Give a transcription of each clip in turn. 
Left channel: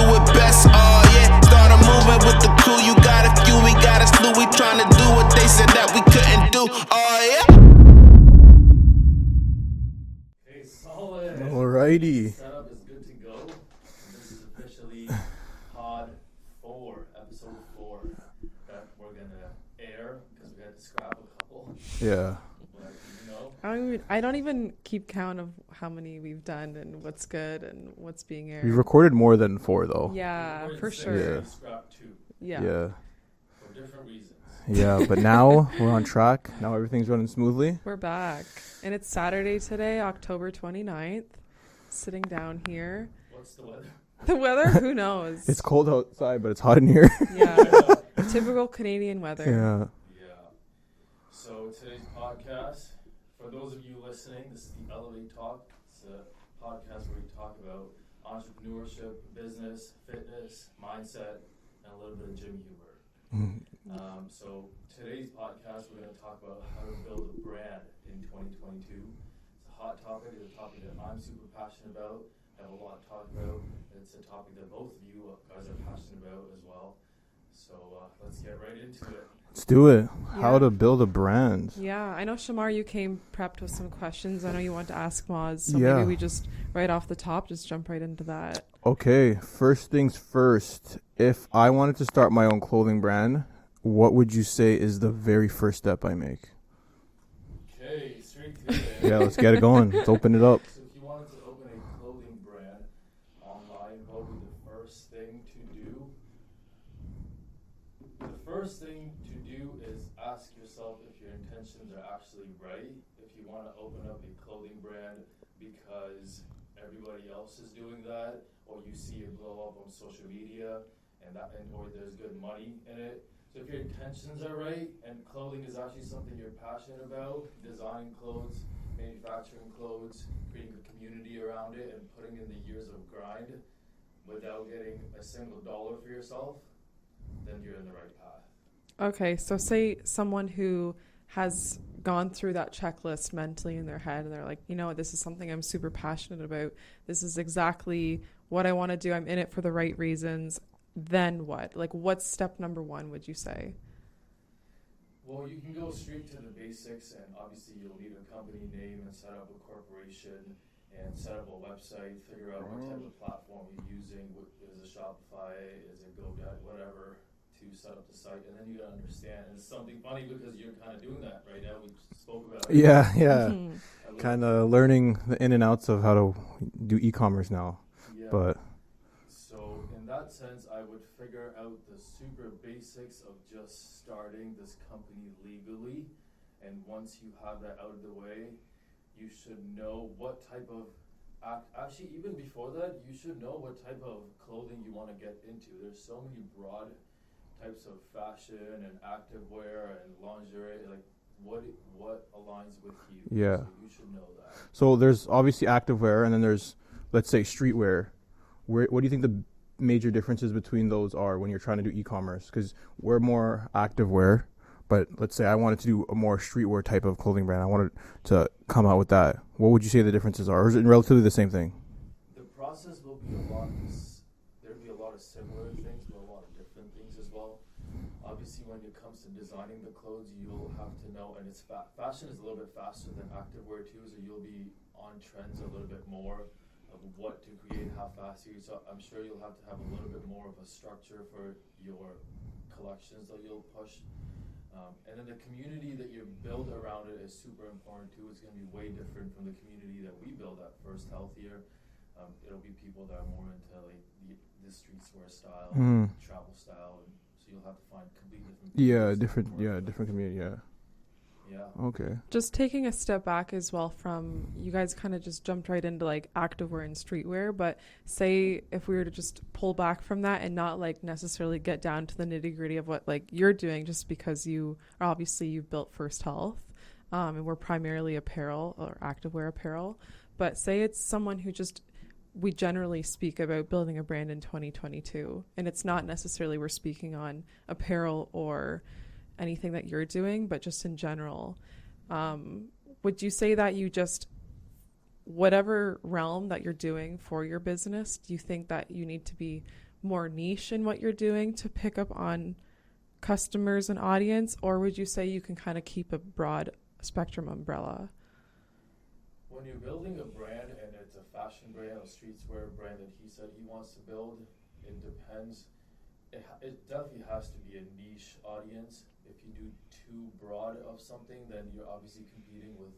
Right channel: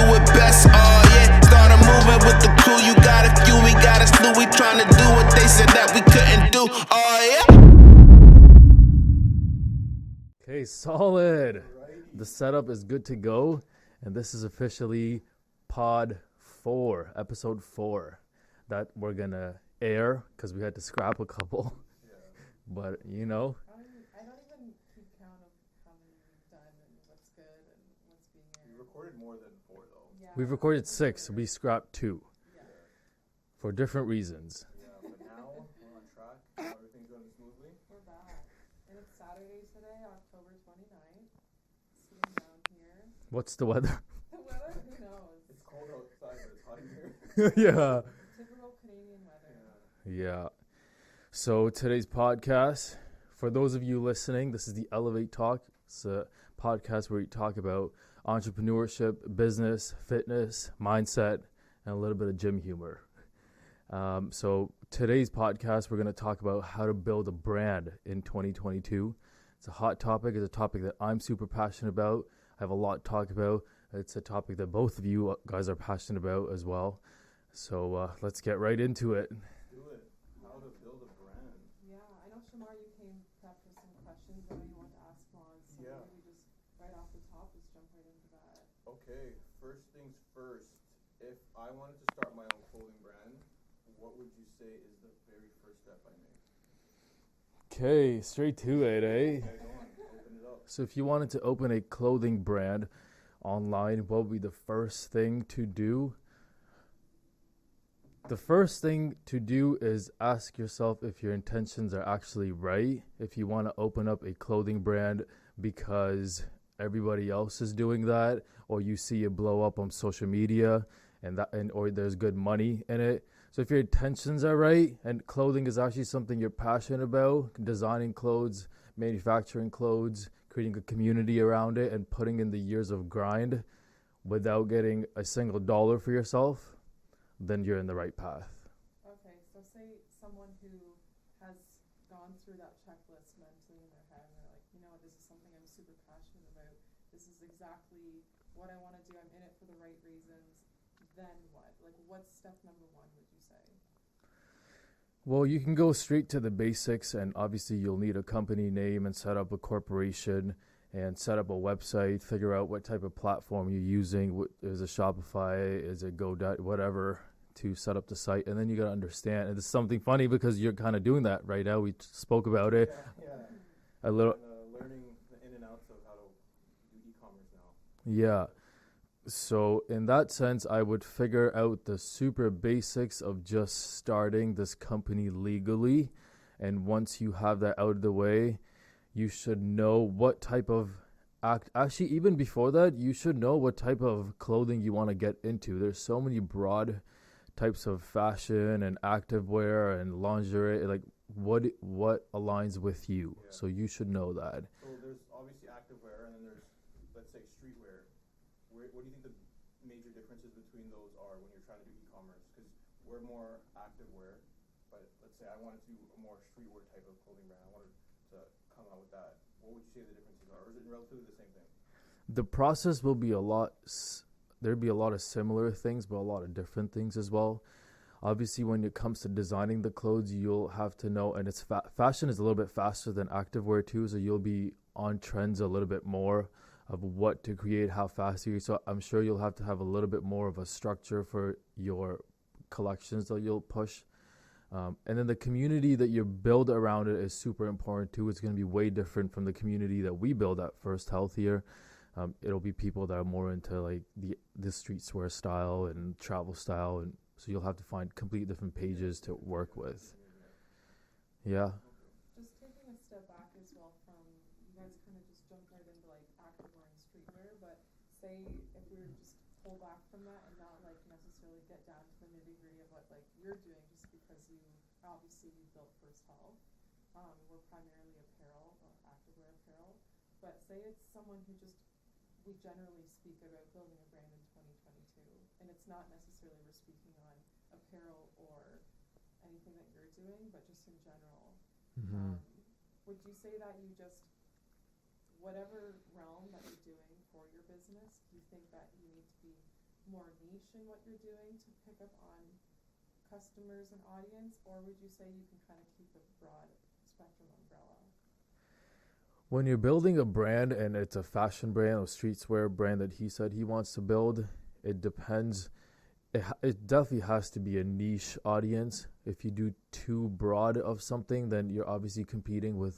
do it best. Oh yeah, started moving with the crew. You got a few, we got a slew. We tryna do what they said that we couldn't do. Oh yeah. Okay, solid. Alrighty. The setup is good to go, and this is officially Pod 4, Episode 4, that we're gonna air because we had to scrap a couple. Yeah. But you know, I don't even keep count of how many we've done and what's good and what's being aired. We've recorded more than 4 though. Yeah, we've recorded for 6. sure. We scrapped 2 Yeah. for different reasons. Yeah, but now we're on track. Now everything's running smoothly. We're back. And it's Saturday today, October 29th. Sitting down here. What's the weather? The weather, who knows? It's cold outside, but it's hot in here. Yeah. Typical Canadian weather. Yeah. So today's podcast, for those of you listening, this is the Elevate Talk. It's a podcast where we talk about entrepreneurship, business, fitness, mindset, and a little bit of gym humor. So today's podcast, we're going to talk about how to build a brand in 2022. It's a hot topic. It's a topic that I'm super passionate about. I have a lot to talk about. It's a topic that both of you guys are passionate about as well. So let's get right into it. Let's do it. Yeah. How to build a brand. Yeah, I know, Shamar, you came prepped with some questions. I know you want to ask Moz, so Yeah. maybe we just, right off the top, just jump right into that. Okay, first things first. If I wanted to start my own clothing brand, what would you say is the very first step I make? Okay, straight to it. Yeah, let's get it going. Let's open it up. So if you wanted to open a clothing brand online, what would be the first thing to do? The first thing to do is ask yourself if your intentions are actually right. If you want to open up a clothing brand because everybody else is doing that, or you see it blow up on social media or there's good money in it. So if your intentions are right and clothing is actually something you're passionate about, designing clothes, manufacturing clothes, creating a community around it, and putting in the years of grind without getting a single dollar for yourself, then you're in the right path. Okay, so say someone who has gone through that checklist mentally in their head and they're like, you know, this is something I'm super passionate about. This is exactly what I want to do. I'm in it for the right reasons. Then what? Like, what's step number 1, would you say? Well, you can go straight to the basics, and obviously you'll need a company name and set up a corporation and set up a website, figure out what type of platform you're using. Is it Shopify? Is it GoDaddy? Whatever, to set up the site. And then you got to understand, and it's something funny because you're kind of doing that right now. We spoke about it. Yeah. Mm-hmm. Kind of learning the in and outs of how to do e-commerce now. Yeah. But So in that sense, I would figure out the super basics of just starting this company legally. And once you have that out of the way, you should know what type of actually, even before that, you should know what type of clothing you want to get into. There's so many broad types of fashion and activewear and lingerie, like what aligns with you. Yeah. So you should know that. So there's obviously activewear, and then there's, let's say, streetwear. What do you think the major differences between those are when you're trying to do e-commerce? Because we're more activewear, but let's say I wanted to do a more streetwear type of clothing brand. I wanted to come out with that. What would you say the differences are? Or is it relatively the same thing? The process will be there'd be a lot of similar things, but a lot of different things as well. Obviously, when it comes to designing the clothes, you'll have to know, and it's fashion is a little bit faster than activewear too, so you'll be on trends a little bit more of what to create, how fast you. So I'm sure you'll have to have a little bit more of a structure for your collections that you'll push. And then the community that you build around it is super important too. It's going to be way different from the community that we build at First Health here. It'll be people that are more into like the streetwear style and travel style, and so you'll have to find complete different pages different community. Yeah. Okay. Just taking a step back as well from, you guys kind of just jumped right into like activewear and streetwear, but say if we were to just pull back from that and not like necessarily get down to the nitty gritty of what like you're doing, just because you've built First Health, and we're primarily apparel or activewear apparel, but say it's someone who just, we generally speak about building a brand in 2022, and it's not necessarily we're speaking on apparel or anything that you're doing, but just in general. Would you say that you just, whatever realm that you're doing for your business, do you think that you need to be more niche in what you're doing to pick up on customers and audience, or would you say you can kind of keep a broad spectrum umbrella? When you're building a brand and it's a fashion brand or streetwear brand that he said he wants to build, it depends. It definitely has to be a niche audience. If you do too broad of something, then you're obviously competing with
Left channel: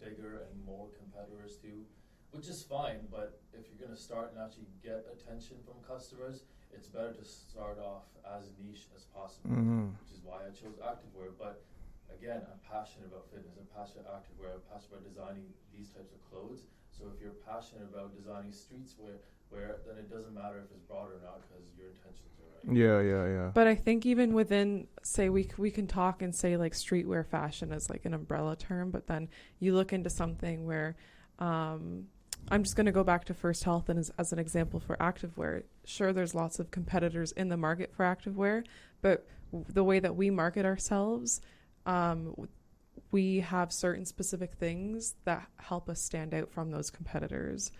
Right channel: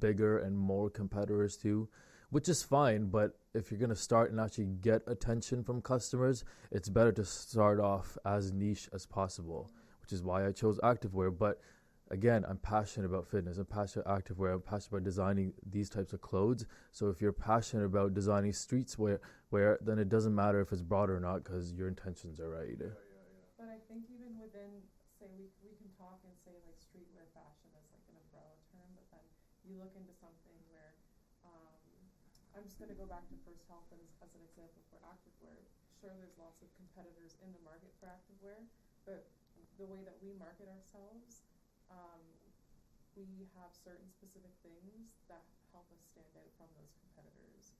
bigger and more competitors too, which is fine. But if you're going to start and actually get attention from customers, it's better to start off as niche as possible, which is why I chose activewear. But again, I'm passionate about fitness. I'm passionate about activewear. I'm passionate about designing these types of clothes. So if you're passionate about designing streetwear, then it doesn't matter if it's broad or not, because your intentions are right. Yeah. But I think even within, say, we can talk and say like streetwear fashion as like an umbrella term, but then you look into something where, I'm just going to go back to First Health and as an example for activewear. Sure, there's lots of competitors in the market for activewear, but the way that we market ourselves, we have certain specific things that help us stand out from those competitors.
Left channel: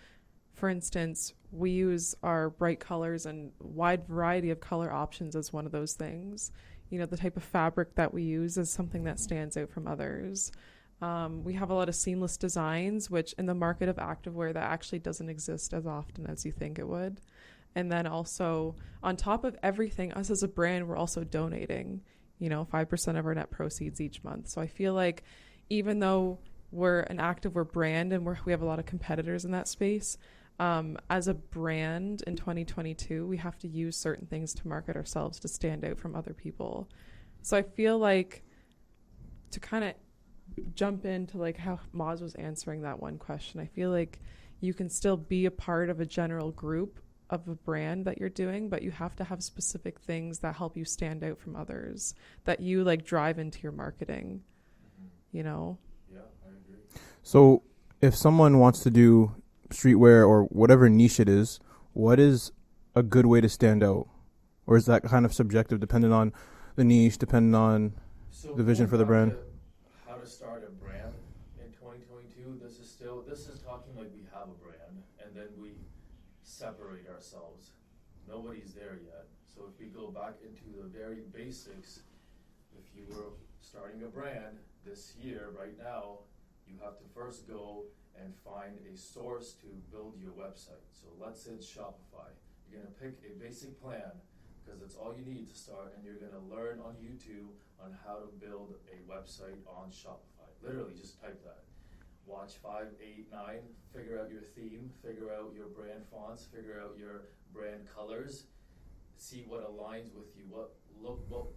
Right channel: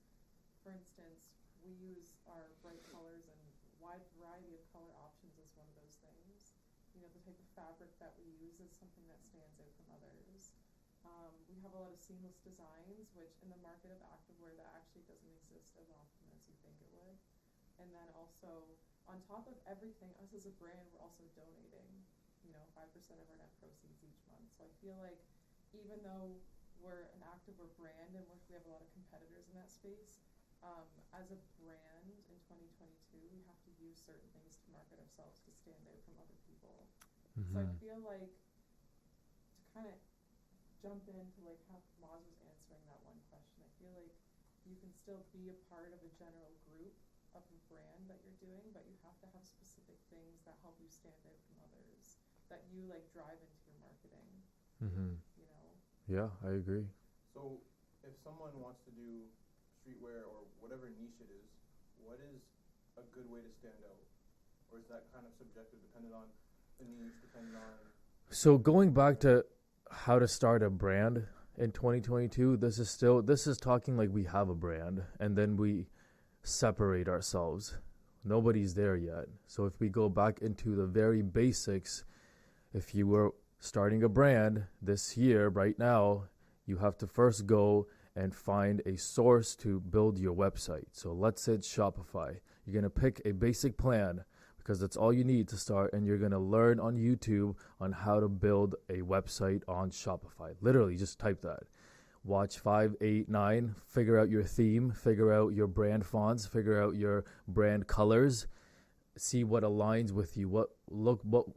For instance, we use our bright colors and wide variety of color options as one of those things. You know, the type of fabric that we use is something that stands out from others. We have a lot of seamless designs, which in the market of activewear that actually doesn't exist as often as you think it would. And then also, on top of everything, us as a brand, we're also donating, 5% of our net proceeds each month. So I feel like even though we're an activewear brand and we have a lot of competitors in that space, as a brand in 2022, we have to use certain things to market ourselves to stand out from other people. So I feel like, to kind of jump into like how Moz was answering that one question, I feel like you can still be a part of a general group of a brand that you're doing, but you have to have specific things that help you stand out from others, that you like drive into your marketing. Yeah, I agree. So if someone wants to do streetwear or whatever niche it is, what is a good way to stand out? Or is that kind of subjective, depending on the niche, depending on So the vision going for the back brand? to how to start a brand in 2022, this is talking like we have a brand and then we separate ourselves. Nobody's there yet. So if we go back into the very basics, if you were starting a brand this year, right now, you have to first go and find a source to build your website. So let's say it's Shopify. You're going to pick a basic plan because that's all you need to start, and you're going to learn on YouTube on how to build a website on Shopify. Literally, just type that. Watch 5, 8, 9, figure out your theme, figure out your brand fonts, figure out your brand colors, see what aligns with you, what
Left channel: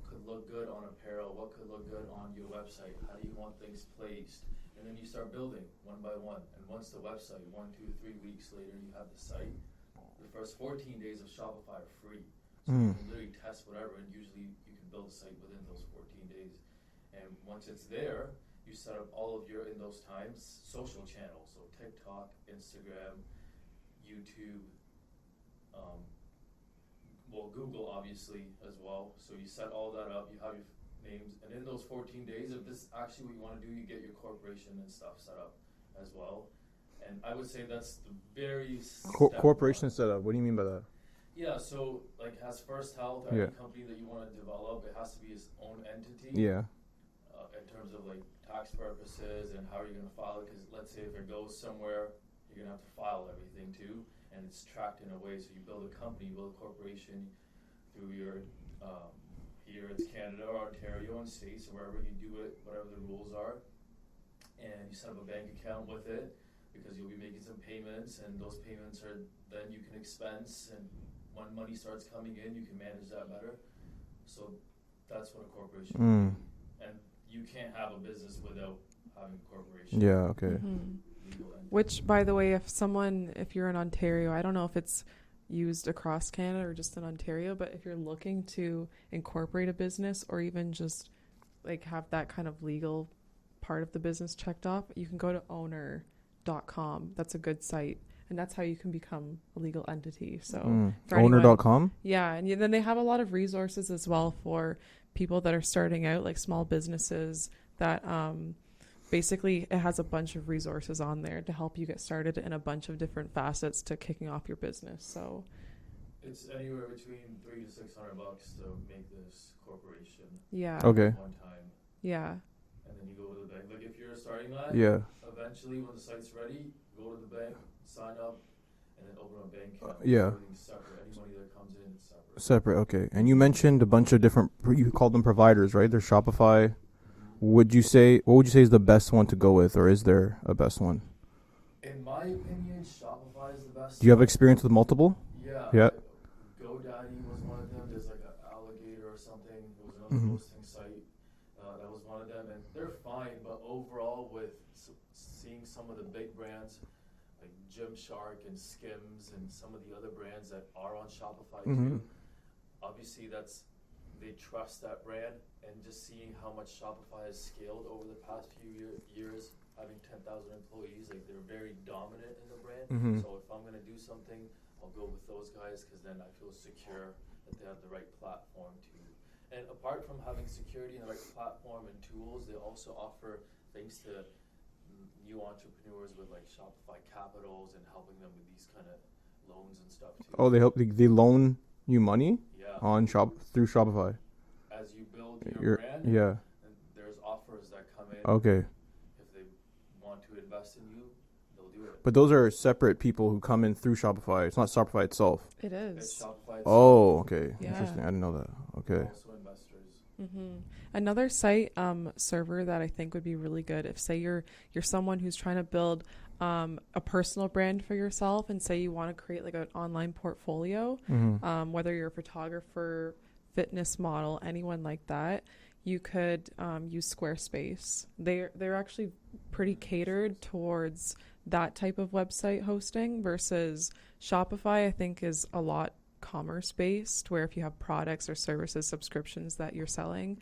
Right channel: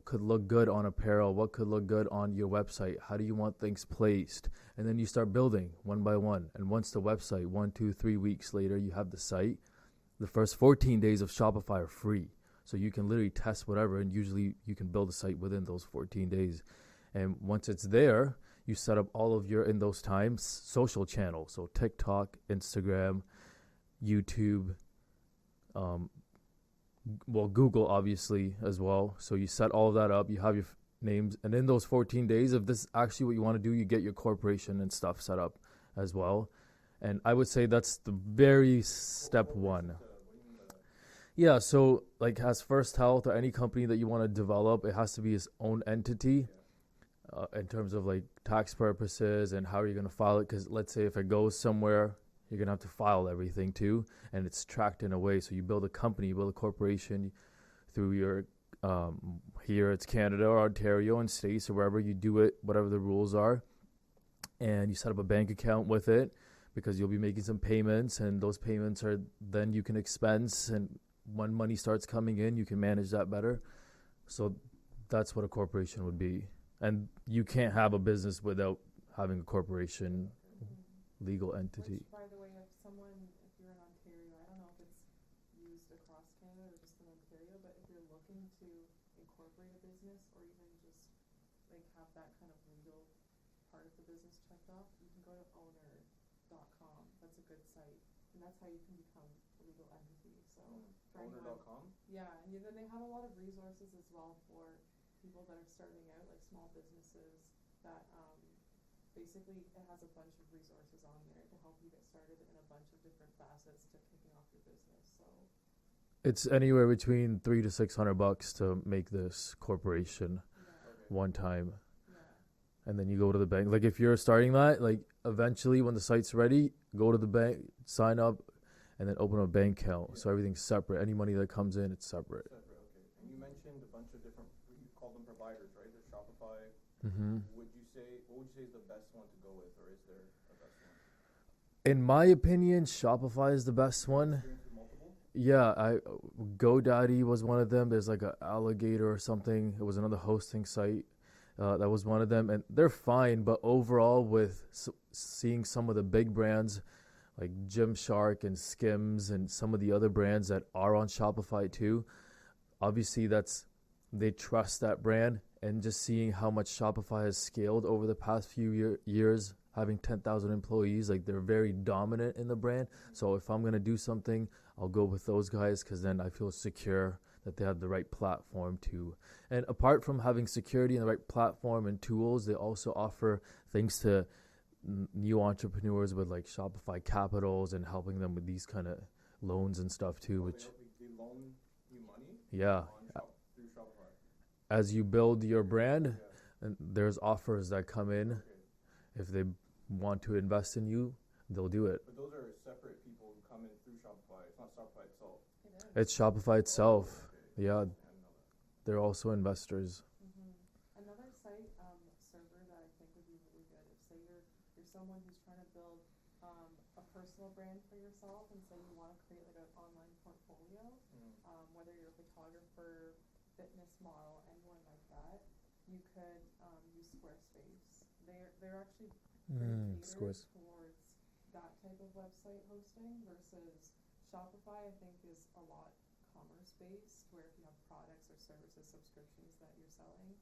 could look good on apparel, what could look good on your website, how do you want things placed, and then you start building one by one. And once the website, 1, 2, 3 weeks later, you have the site, the first 14 days of Shopify are free. So you can literally test whatever, and usually you can build a site within those 14 days. And once it's there, you set up all of your, in those times, social channels. So TikTok, Instagram, YouTube, Google obviously as well. So you set all of that up, you have your names, and in those 14 days, if this is actually what you want to do, you get your corporation and stuff set up as well. And I would say that's the very step corporation one. setup. What do you mean by that? Yeah, so like as First Health or Yeah. any company that you want to develop, it has to be its own entity. Yeah. In terms of like tax purposes and how you're going to file it, because let's say if it goes somewhere, you're going to have to file everything too, and it's tracked in a way. So you build a company, you build a corporation through your here it's Canada or Ontario and states or wherever you do it, whatever the rules are, and you set up a bank account with it, because you'll be making some payments, and those payments are then you can expense, and when money starts coming in, you can manage that better. So that's what a corporation would be. And you can't have a business without having a corporation. Yeah, okay. Legal entity. Which, by the way, if you're in Ontario, I don't know if it's used across Canada or just in Ontario, but if you're looking to incorporate a business or even just like have that kind of legal part of the business checked off, you can go to owner.com. That's a good site. And that's how you can become a legal entity. So for anyone- Owner.com? Yeah, and then they have a lot of resources as well for people that are starting out, like small businesses that basically it has a bunch of resources on there to help you get started in a bunch of different facets to kicking off your business. So It's anywhere between $300 to $600 to make this corporation Yeah. Okay. one time, Yeah. and then you go to the bank. Like if you're starting that, Yeah. like, eventually when the site's ready, go to the bank, sign up, and then open a bank account. yeah. So everything's separate. Any money that comes in, it's separate. Separate. Okay. And you mentioned a bunch of different. You called them providers, right? There's Shopify. Mm-hmm. What would you say is the best one to go with, or is there a best one? In my opinion, Shopify is the best. Do you have one. experience with multiple? Yeah. Yeah. GoDaddy was one of them. There's like an Alligator or something. It was another Mhm. hosting site. That was one of them, and they're fine. But overall, with seeing some of the big brands like Gymshark and Skims and some of the other brands that are on Shopify Mhm. too, obviously they trust that brand, and just seeing how much Shopify has scaled over the past few years, having 10,000 employees, like they're very dominant in the brand. Mhm. So if I'm gonna do something, I'll go with those guys because then I feel secure that they have the right platform to. And apart from having security and the right platform and tools, they also offer things to new entrepreneurs with like Shopify Capitals and helping them with these kind of loans and stuff too. Oh, they loan you money Yeah. on through Shopify. As you build your brand, Yeah. and there's offers that come in. Okay. If they want to invest in you, they'll do it. But those are separate people who come in through Shopify. It's not Shopify itself. It is. It's Shopify itself. Oh, okay. Yeah. Interesting. I didn't know that. They're Okay. also investors. Mm-hmm. Another site server that I think would be really good if, say, you're someone who's trying to build a personal brand for yourself, and say you want to create like an online portfolio, Mm-hmm. whether you're a photographer, fitness model, anyone like that, you could use Squarespace. They're actually pretty catered Squarespace. towards that type of website hosting versus Shopify. I think is a lot commerce based, where if you have products or services, subscriptions that you're selling,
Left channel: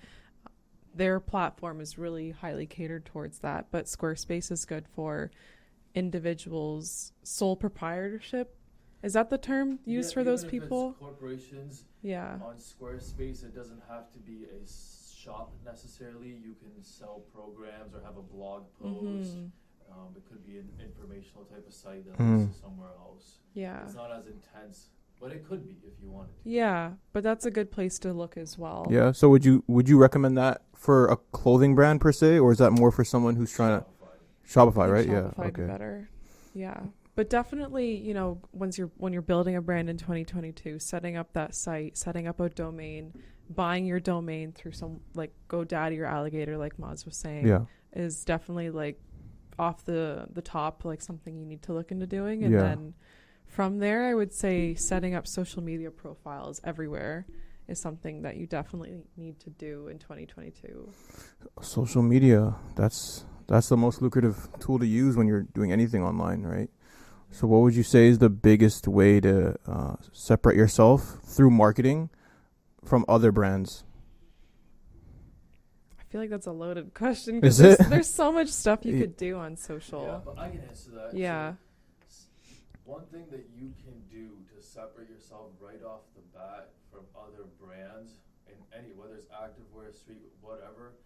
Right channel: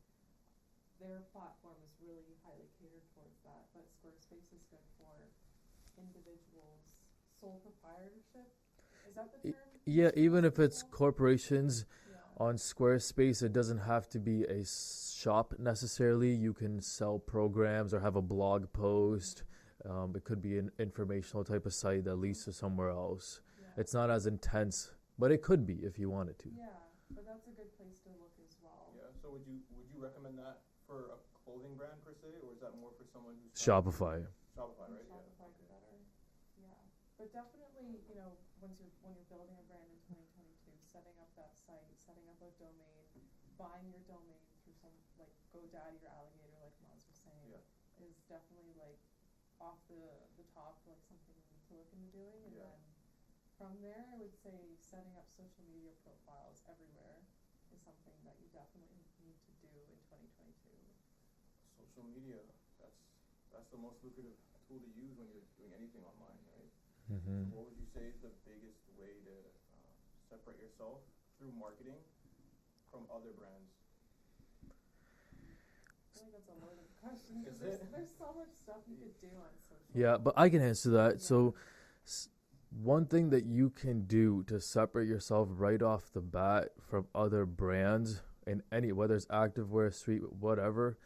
their platform is really highly catered towards that. But Squarespace is good for individuals, sole proprietorship. Is that the term used for even those if people? it's corporations Yeah. on Squarespace, it doesn't have to be a shop necessarily. You can sell programs or have a blog post. Mhm. It could be an informational type of site that leads Mm. to somewhere else. Yeah. It's not as intense, but it could be if you wanted to. Yeah, but that's a good place to look as well. Yeah. So would you recommend that for a clothing brand per se, or is that more for someone who's trying Shopify. to Shopify, I think right? Shopify Yeah. would be Okay. better. Yeah. But definitely, when you're building a brand in 2022, setting up that site, setting up a domain, buying your domain through some like GoDaddy or Alligator, like Maz was saying, Yeah. is definitely like off the top, like something you need to look into doing. And Yeah. then from there, I would say setting up social media profiles everywhere is something that you definitely need to do in 2022. Social media. That's the most lucrative tool to use when you're doing anything online, right? Mhm. So what would you say is the biggest way to separate yourself through marketing from other brands? I feel like that's a loaded question Is because it? there's so much stuff you Yeah. could do on social. Yeah, but I can answer that. Yeah. So one thing that you can do to separate yourself right off the bat from other brands in any, whether it's activewear, street, whatever,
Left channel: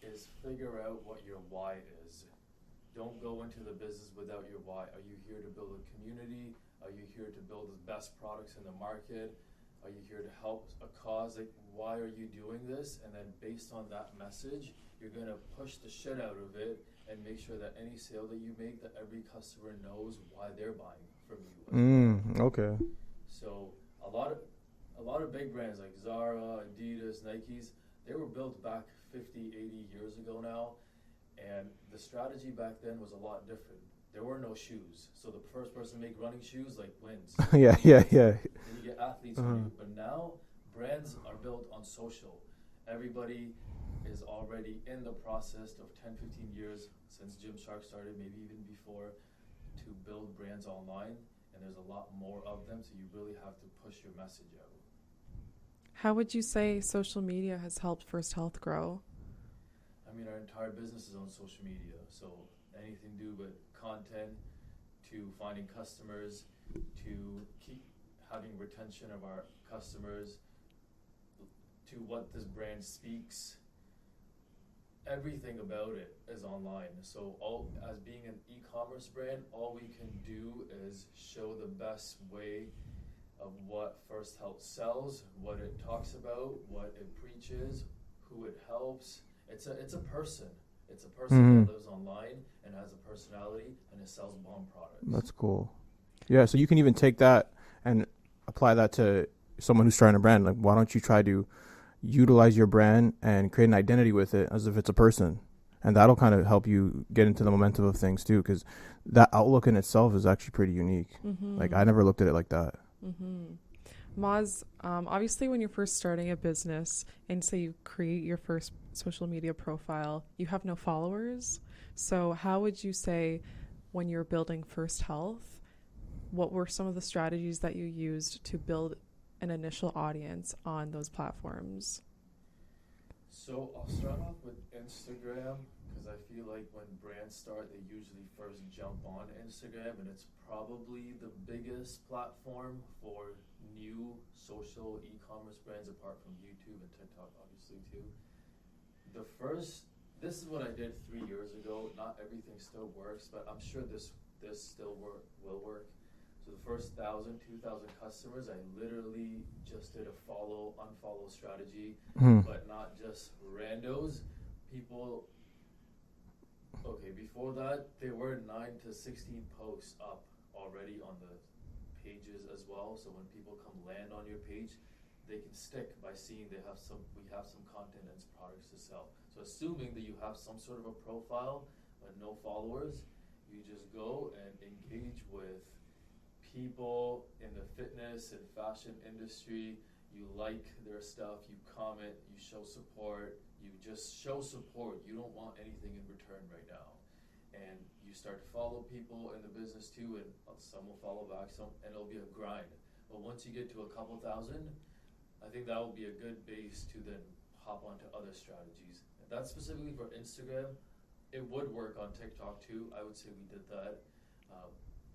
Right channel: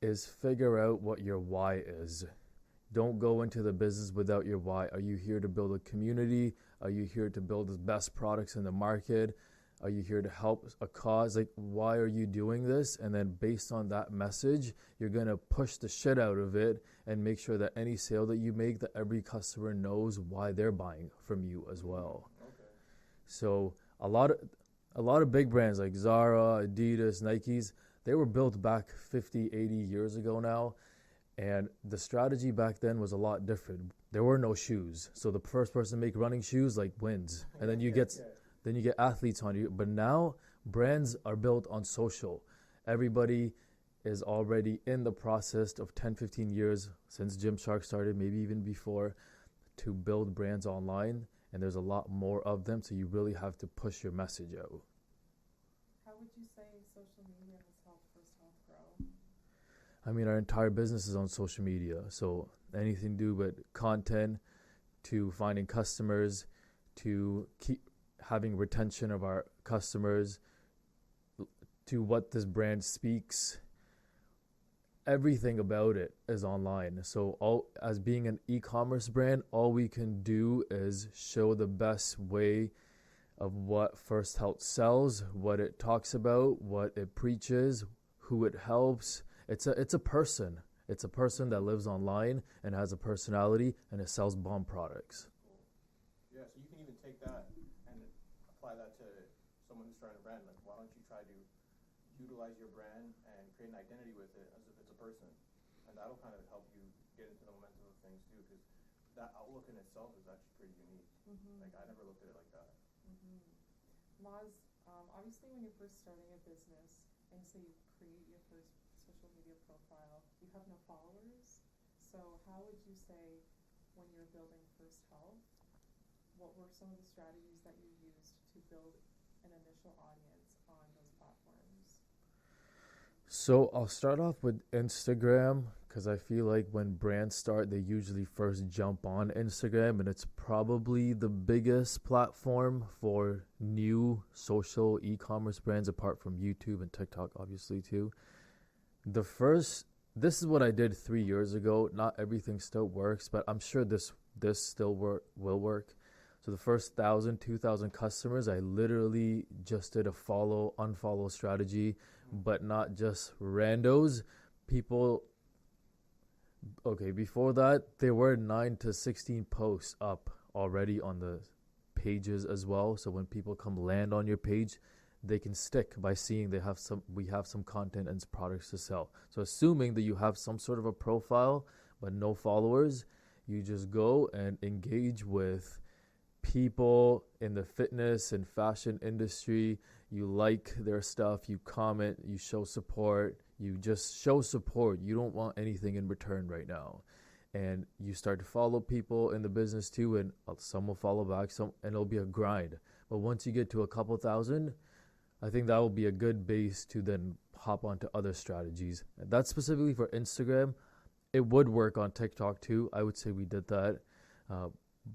is figure out what your why is. Don't go into the business without your why. Are you here to build a community? Are you here to build the best products in the market? Are you here to help a cause? Like, why are you doing this? And then based on that message, you're going to push the shit out of it and make sure that any sale that you make, that every customer knows why they're buying from you as well. Okay. So a lot of big brands like Zara, Adidas, Nikes, they were built back 50, 80 years ago now. And the strategy back then was a lot different. There were no shoes. So the first person to make running shoes like wins. yeah. Then you Yeah. get- Yeah. Then you get athletes on you. But now brands are built on social. Everybody is already in the process of 10, 15 years since Gymshark started, maybe even before, to build brands online. And there's a lot more of them. So you really have to push your message out. How would you say social media has helped First Health grow? I mean, our entire business is on social media. So anything to do with content, to finding customers, to keep having retention of our customers, to what this brand speaks. Everything about it is online. So as being an e-commerce brand, all we can do is show the best way of what First Health sells, what it talks about, what it preaches, who it helps. It's a person. It's a person that lives online and has a personality, and it sells bomb products. That's cool. Yeah, so you can even take that and apply that to someone who's starting a brand. Like, why don't you try to utilize your brand and create an identity with it as if it's a person? And that'll kind of help you get into the momentum of things too, because that outlook in itself is actually pretty unique. Like, I never looked at it like that. Maz, obviously when you're first starting a business and say you create your first social media profile, you have no followers. So how would you say, when you're building First Health, what were some of the strategies that you used to build an initial audience on those platforms? So I'll start off with Instagram, because I feel like when brands start, they usually first jump on Instagram, and it's probably the biggest platform for new social e-commerce brands, apart from YouTube and TikTok, obviously, too. This is what I did 3 years ago. Not everything still works, but I'm sure this still will work. So the first 1,000, 2,000 customers, I literally just did a follow, unfollow strategy, but not just randos. People, okay, before that, there were 9 to 16 posts up already on the pages as well. So when people come land on your page, they can stick by seeing we have some content and products to sell. So assuming that you have some sort of a profile, but no followers, you just go and engage with people in the fitness and fashion industry. You like their stuff, you comment, you show support, you just show support. You don't want anything in return right now. And you start to follow people in the business too, and some will follow back, and it'll be a grind. But once you get to a couple thousand, I think that will be a good base to then hop onto other strategies. And that's specifically for Instagram. It would work on TikTok too. I would say we did that.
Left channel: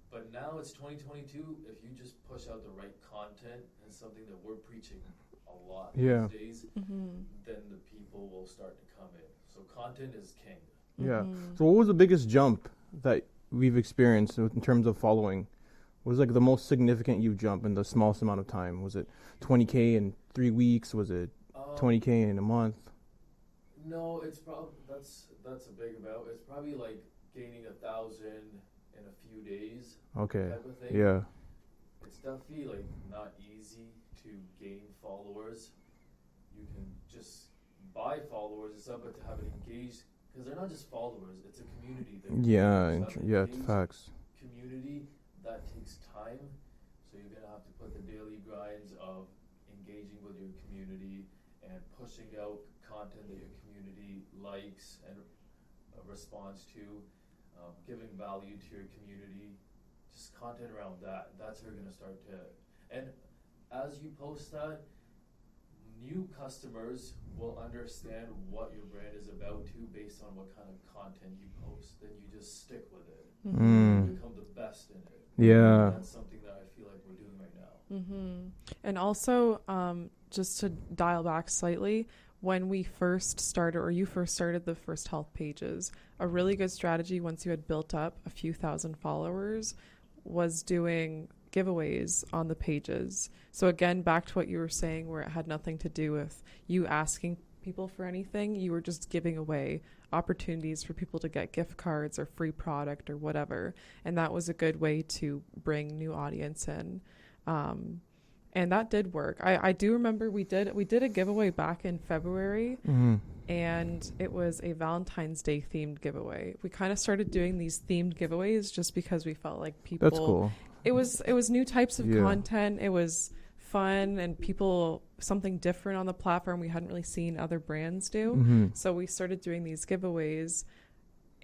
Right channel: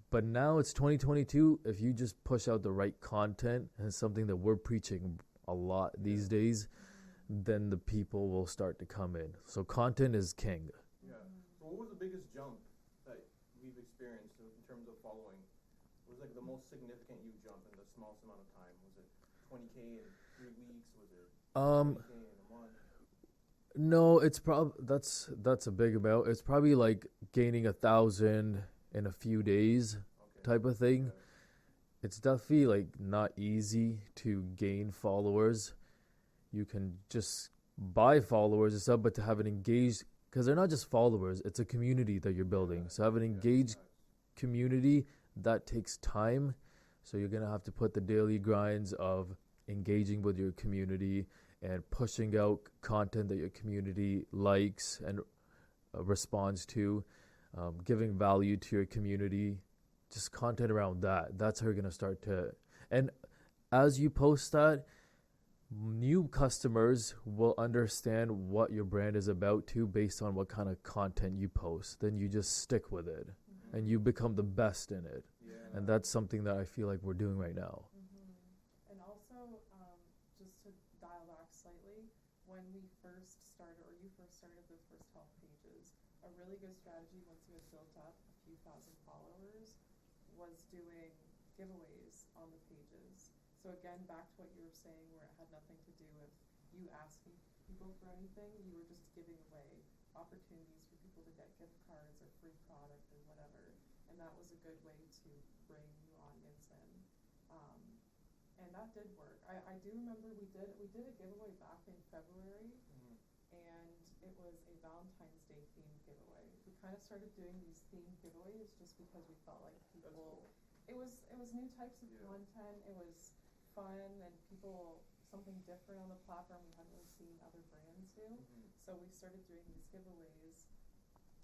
But now it's 2022. If you just push out the right content and something that we're preaching a lot these days, then the people will start to come in. So content is king. Yeah. So what was the biggest jump that we've experienced in terms of following? What was like the most significant you jump in the smallest amount of time? Was it 20K in 3 weeks? Was it 20K in a month? No, it's probably that's a big amount. It's probably like gaining 1,000 in a few days, type of thing. Yeah, it's definitely like not easy to gain followers. You can just buy followers and stuff, but to have an engaged, because they're not just followers, it's a community that you're building. So have an engaged community, that takes time. So you're gonna have to put the daily grinds of engaging with your community and pushing out content that your community likes and responds to. Giving value to your community, just content around that. That's how you're going to start to. And as you post that, new customers will understand what your brand is about too, based on what kind of content you post. Then you just stick with it. You become the best in it. Yeah. That's something that I feel like we're doing right now. And also, just to dial back slightly, when we first started, or you first started the First Health pages, a really good strategy once you had built up a few thousand followers was doing giveaways on the pages. So again, back to what you were saying, where it had nothing to do with you asking people for anything. You were just giving away opportunities for people to get gift cards or free product or whatever. And that was a good way to bring new audience in. And that did work. I do remember we did a giveaway back in February, and it was a Valentine's Day themed giveaway. We kind of started doing these themed giveaways just because we felt like people. That's cool. It was new types of content. It was fun and something different on the platform we hadn't really seen other brands do. So we started doing these giveaways.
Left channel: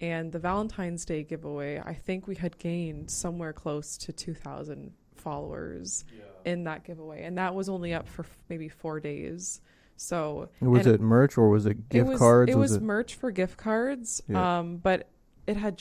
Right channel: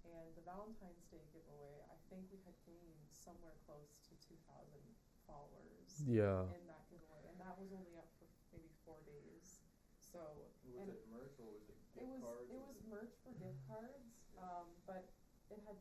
And the Valentine's Day giveaway, I think we had gained somewhere close to 2,000 followers in that giveaway, and that was only up for maybe 4 days. So was it merch or was it gift cards? It was merch for gift cards, but it had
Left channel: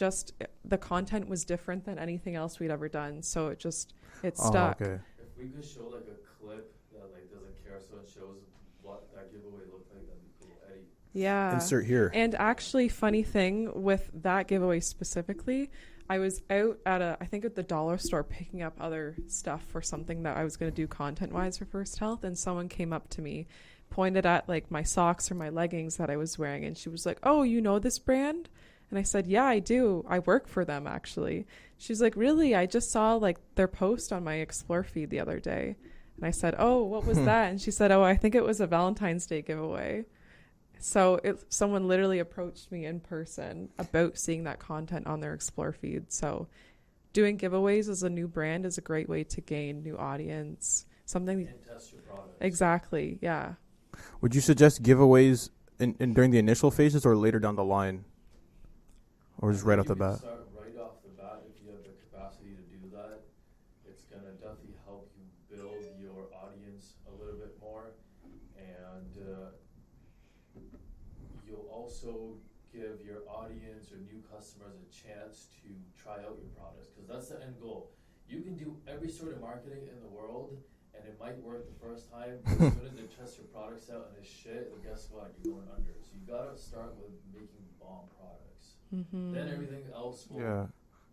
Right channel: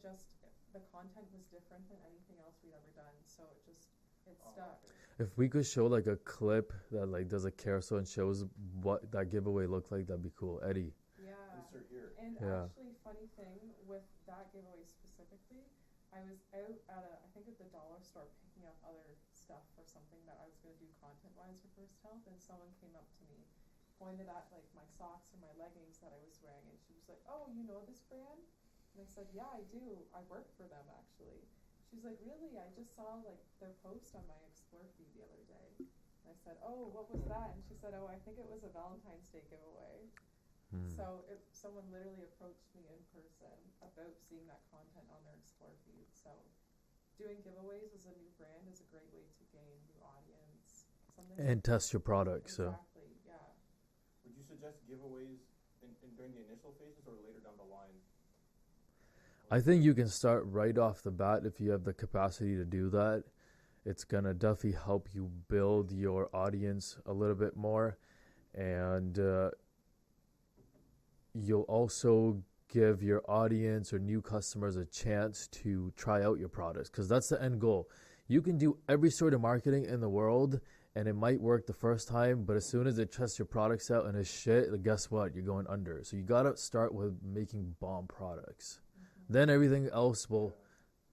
the content was different than anything else we'd ever done, so it stuck. If we could show like a clip that like does a carousel and shows what that giveaway looked like, that'd be cool. Eddie, insert here. And actually, funny thing with that giveaway specifically, I was out at I think at the dollar store picking up other stuff for something that I was going to do content wise for First Health, and someone came up to me, pointed at like my socks or my leggings that I was wearing, and she was like, "Oh, you know this brand?" And I said, "Yeah, I do. I work for them actually." She's like, "Really? I just saw like their post on my Explore feed the other day." And I said, "Oh, what was that?" And she said, "Oh, I think it was a Valentine's Day giveaway." So someone literally approached me in person about seeing that content on their Explore feed. So doing giveaways as a new brand is a great way to gain new audience. Something And test your product. exactly, yeah. Would you suggest giveaways in during the initial phases or later down the line? Or I just think right off you the can bat? start right off the bat if you have the capacity to do that. It's gonna definitely help you build your audience a little bit more, and you'll also give your audience or new customers a chance to try out your products, because that's the end goal. You can do every sort of marketing in the world and it might work the first time, but as soon as they test your products out and it's shit, guess what? You're going under. So you gotta start with making bomb products. Then everything else will Yeah.